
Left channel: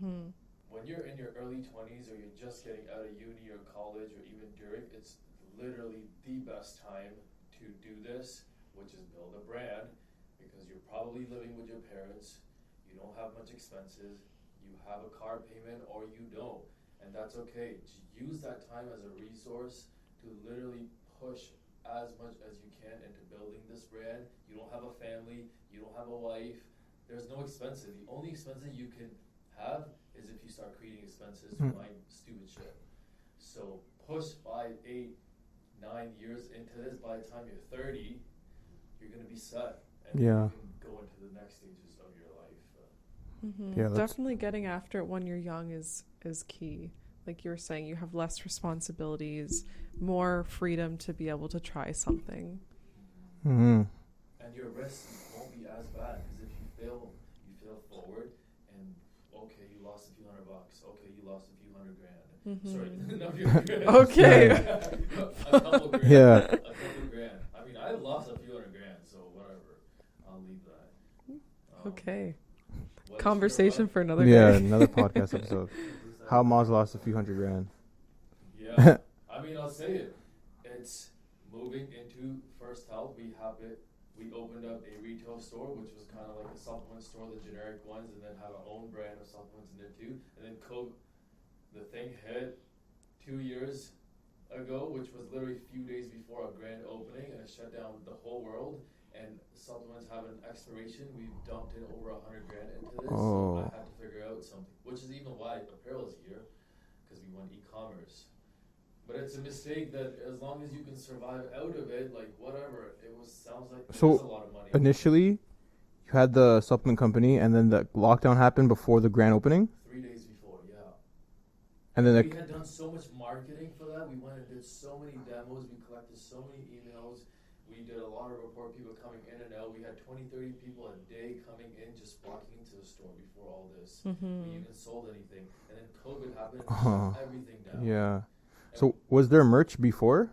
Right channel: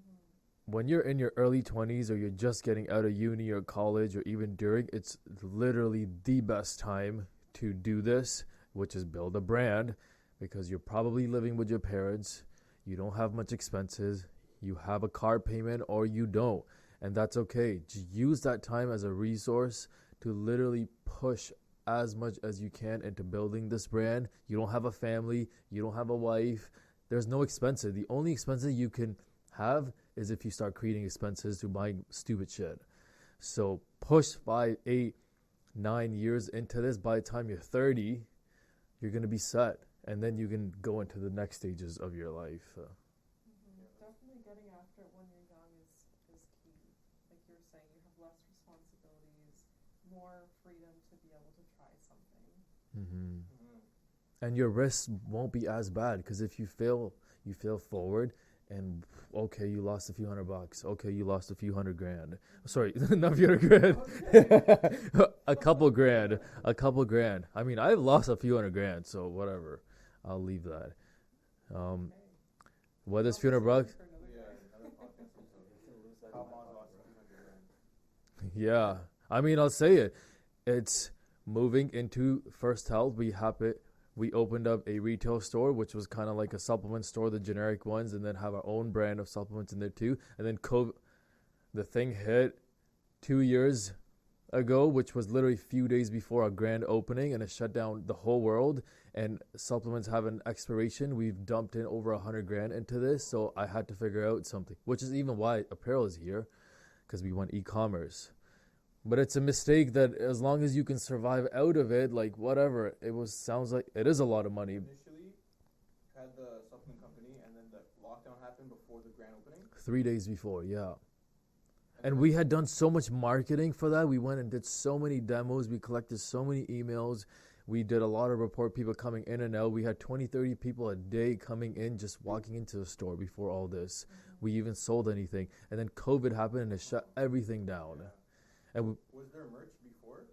When you're in your early 20s or you're just getting out of uni or college or even during, it's literally the best time to do this, which is build a brand, because you're probably living with your parents. You don't have much expenses. You have a car payment or you don't. And that's okay. Just use that time as a resource to literally push as much as you can into building this brand. You don't have a family. You don't have a wife. There's no expenses. The only expenses you can have is if you start creating expenses to buy stupid shit. So push 5, 8, 9 years into this. By the time you're 30, you're going to be set. And then Yeah. you can go into the next stages of your life. Yeah, that's- Definitely getting after it when you're young is key. like you were saying, you have less responsibilities, more freedom to be able to try something. Mm-hmm. And your risk won't be as bad because if you fail forward, and okay, you lost a few $100. Okay, you lost a few $100,000. Sorry, not a few $100,000. Okay. a couple grand. Yeah. A couple grand. I mean, I've lost a few $100,000, so whatever. I'll leave that. Okay. What is Conversation for another Yeah, day. another podcast episode. How Maz lost a few $100,000. Yeah. I mean, I'll say it. It's moving into First Health. We opened up a retail store, which was kind of like a supplement store, the generic ones, and then have our own brand of supplements in there too. And then the thing hit 2 years ago, which was literally a few days before our grand opening, and it shut down the whole world. And supplements have an expiration. We've dumped in over $100,000 into this, so I had to figure out something, which is even why apparel is here, because we went e-commerce. But it's a mistake that as long as you can survive out of it, like whatever, sounds like So it is a lot of money. Initially, you had the supplement company, and then the lockdown happened before the grand opening. 3 days before, yeah. And then we had done so much marketing for that. We went and did so many demos. We collected so many emails. We did a lot of report people coming in and out. We had 20, 30 people a day coming in, just walking into the store before all this. We even sold anything. And then COVID happened and it shut everything down. yeah. And So was there merch before?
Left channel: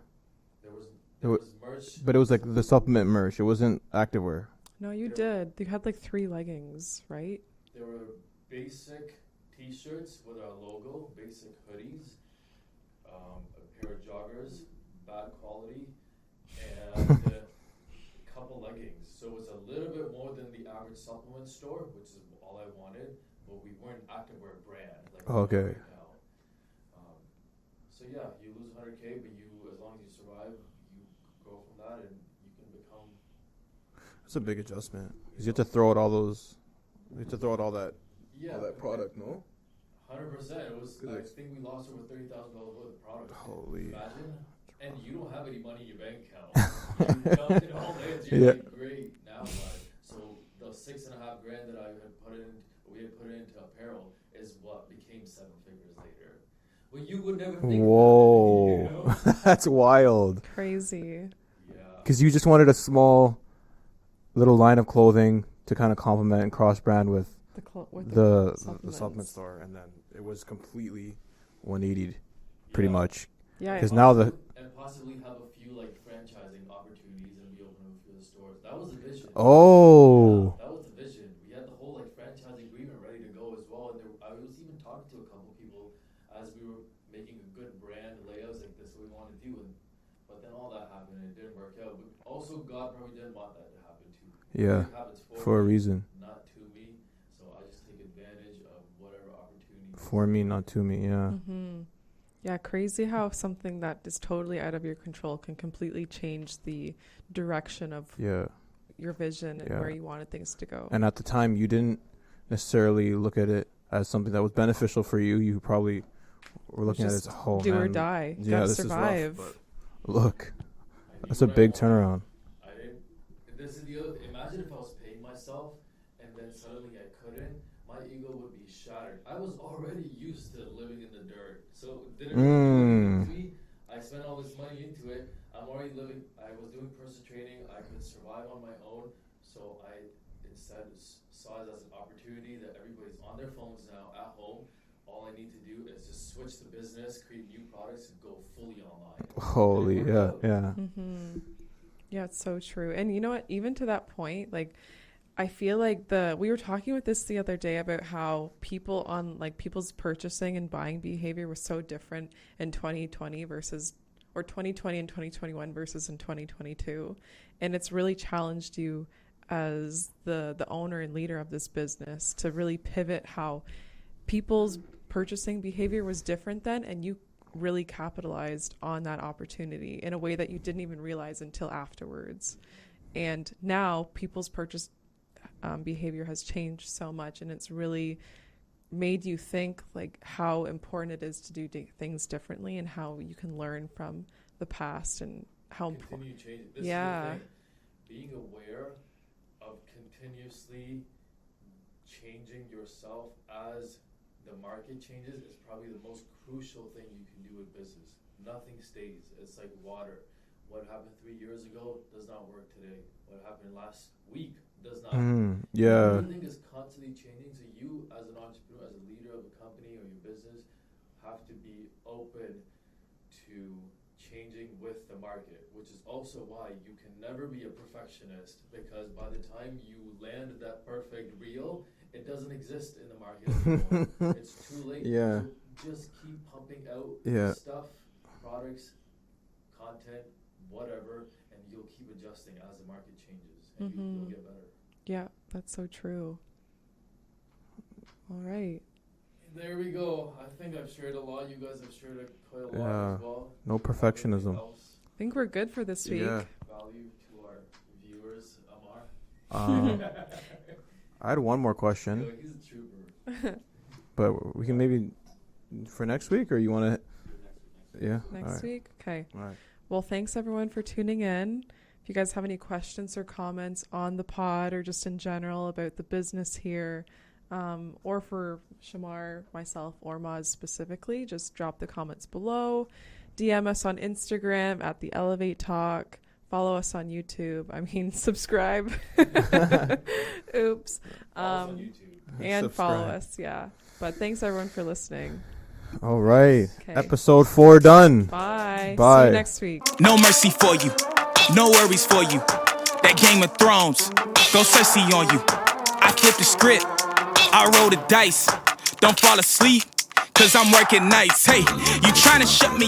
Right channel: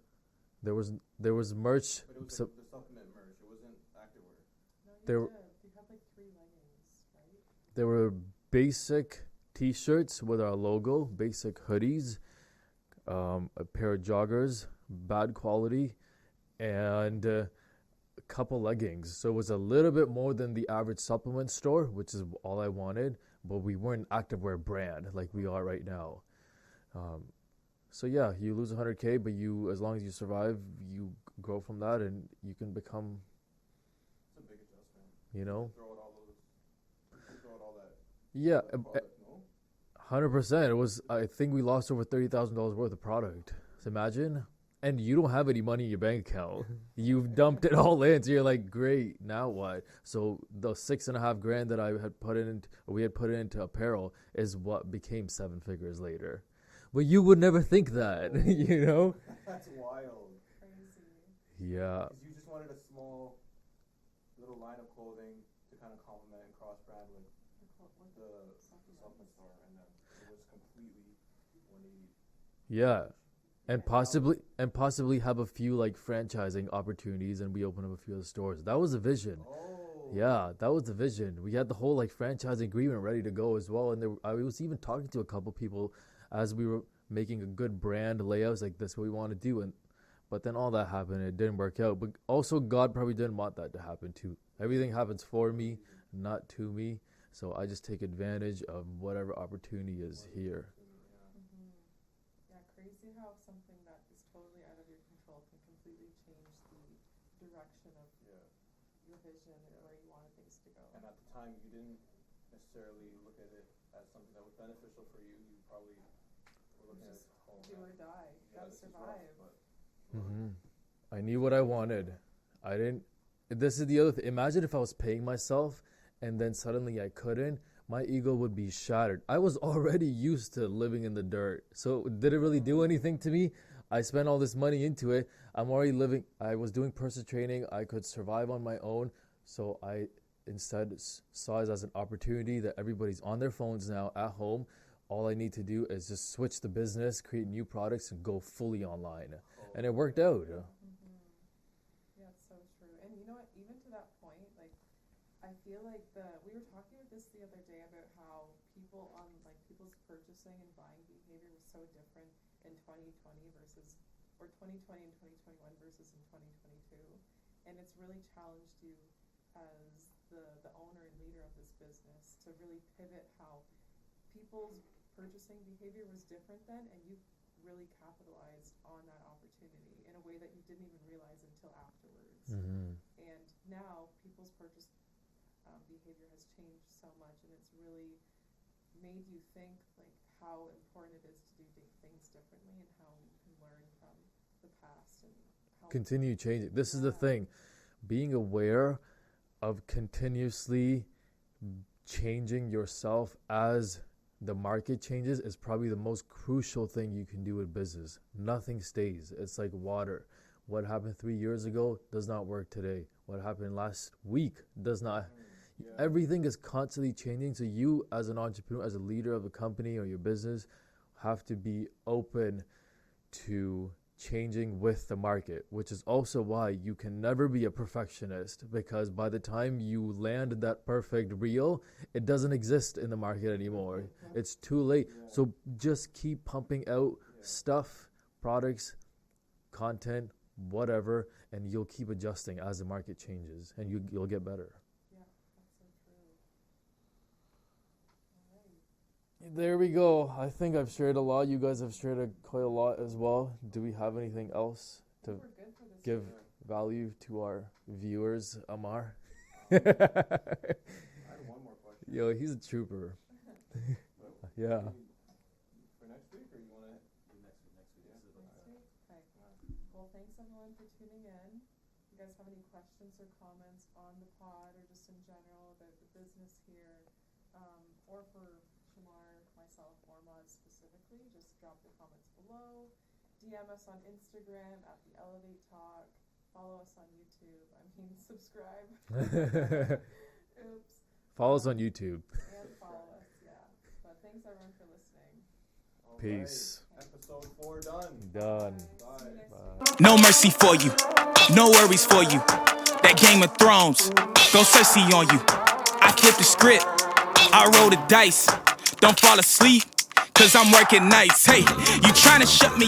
there was wa- merch. But it was like the supplement merch. It wasn't activewear. No, you There- did. You had like 3 leggings, right? There were basic T-shirts with our logo, basic hoodies, a pair of joggers, bad quality, and a couple leggings. So it was a little bit more than the average supplement store, which is all I wanted. But we weren't an activewear brand like we Okay. are right now. So yeah, you lose 100K, but as long as you survive, you grow from that, and you can become. It's a big adjustment. You You have know? to throw out all those. You have to throw out all that. Yeah, all that product, no? 100%. It was. It I is. think we lost over $30,000 worth of product. Holy. Imagine. And you don't have any money in your bank account. You dumped it all in. So you're Yeah. like, great. Now what? So the $6,500 that I had we had put into apparel is what became 7 figures later. Well, you would never think Whoa. that. You know? That's wild. Crazy. Yeah. Because you just wanted a small little line of clothing to kind of complement and cross brand with With the supplements. supplement store, and then it was completely 180 pretty Yeah. much. Yeah. Because now the possibly have a few like franchising opportunities, and we open up a few other stores. That was the vision. Yeah, oh that was the vision. We had the whole like franchise agreement ready to go as well, and I was even talking to a couple people as we were making a good brand layouts, like this is what we want to do, but then all that happened. It didn't work out. But also, God probably didn't want that to happen too. Yeah. Everything happens for for a me, reason. not to me. So I just take advantage of whatever opportunity is For me, here. not to me. Yeah. Yeah, crazy how something that is totally out of your control can completely change the direction of Yeah. your vision and Yeah. where you wanted things to go. And at the time, you didn't necessarily look at it as something that was beneficial for you. You probably were looking at it as, Just oh, do or man, die. You yeah, gotta this is rough, survive. but look, I knew that's a what I big wanted. turnaround. I didn't. This is the other thing. Imagine if I was paying myself and then suddenly I couldn't. My ego would be shattered. I was already used to living in the dirt, so it didn't really do anything to me. I spent all this money into it. I'm already living. I was doing personal training. I could survive on my own. So I instead saw it as an opportunity that everybody's on their phones now at home. All I need to do is just switch the business, create new products, and go fully online. Holy, worked yeah, out. yeah. Yeah, it's so true. And you know what? Even to that point, like, I feel like we were talking with this the other day about how people's purchasing and buying behavior was so different in 2020 or 2020 and 2021 versus in 2022. And it's really challenged you as the owner and leader of this business to really pivot how people's purchasing behavior was different then, and you really capitalized on that opportunity in a way that you didn't even realize until afterwards. And now people's purchase behavior has changed so much, and it's really made you think like how important it is to do things differently and how you can learn from the past and how Continue changing. This Yeah. is the thing. Being aware of continuously changing yourself as the market changes is probably the most crucial thing you can do with business. Nothing stays. It's like water. What happened 3 years ago does not work today. What happened last week does not. Yeah. Everything is constantly changing. So you, as an entrepreneur, as a leader of a company or your business, have to be open to changing with the market, which is also why you can never be a perfectionist, because by the time you land that perfect reel, it doesn't exist in the market anymore. It's too late. Yeah. So just keep pumping out Yeah. stuff, products, content, whatever, and you'll keep adjusting as the market changes, and you'll get better. Yeah, that's so true. All right. There we go. I think I've shared a lot. You guys have shared quite a lot Yeah. as well. No Do we have anything perfectionism. else I think to we're good for this week. Yeah. value to our viewers, Amar? I had one more question, Yo, he's a trooper. but we Yeah. can maybe for next week, or you want to? Yeah. Next All right. week? Okay. All right. Well, thanks everyone for tuning in. If you guys have any questions or comments on the pod or just in general about the business here, or for Shamar, myself, or Maz specifically, just drop the comments below. DM us on Instagram at the Elevate Talk. Follow us on YouTube. I mean, subscribe. Oops. Follow us on YouTube. And follow Subscribe. us, yeah. But thanks everyone for listening. All right. Okay. Episode 4 done. Bye. See Bye. you next week. No mercy for you, no worries for you. That Game of Thrones, go Cersei on you. I flipped the script, I roll the dice. Don't fall asleep, cause I'm working nights. Hey, you tryna shut me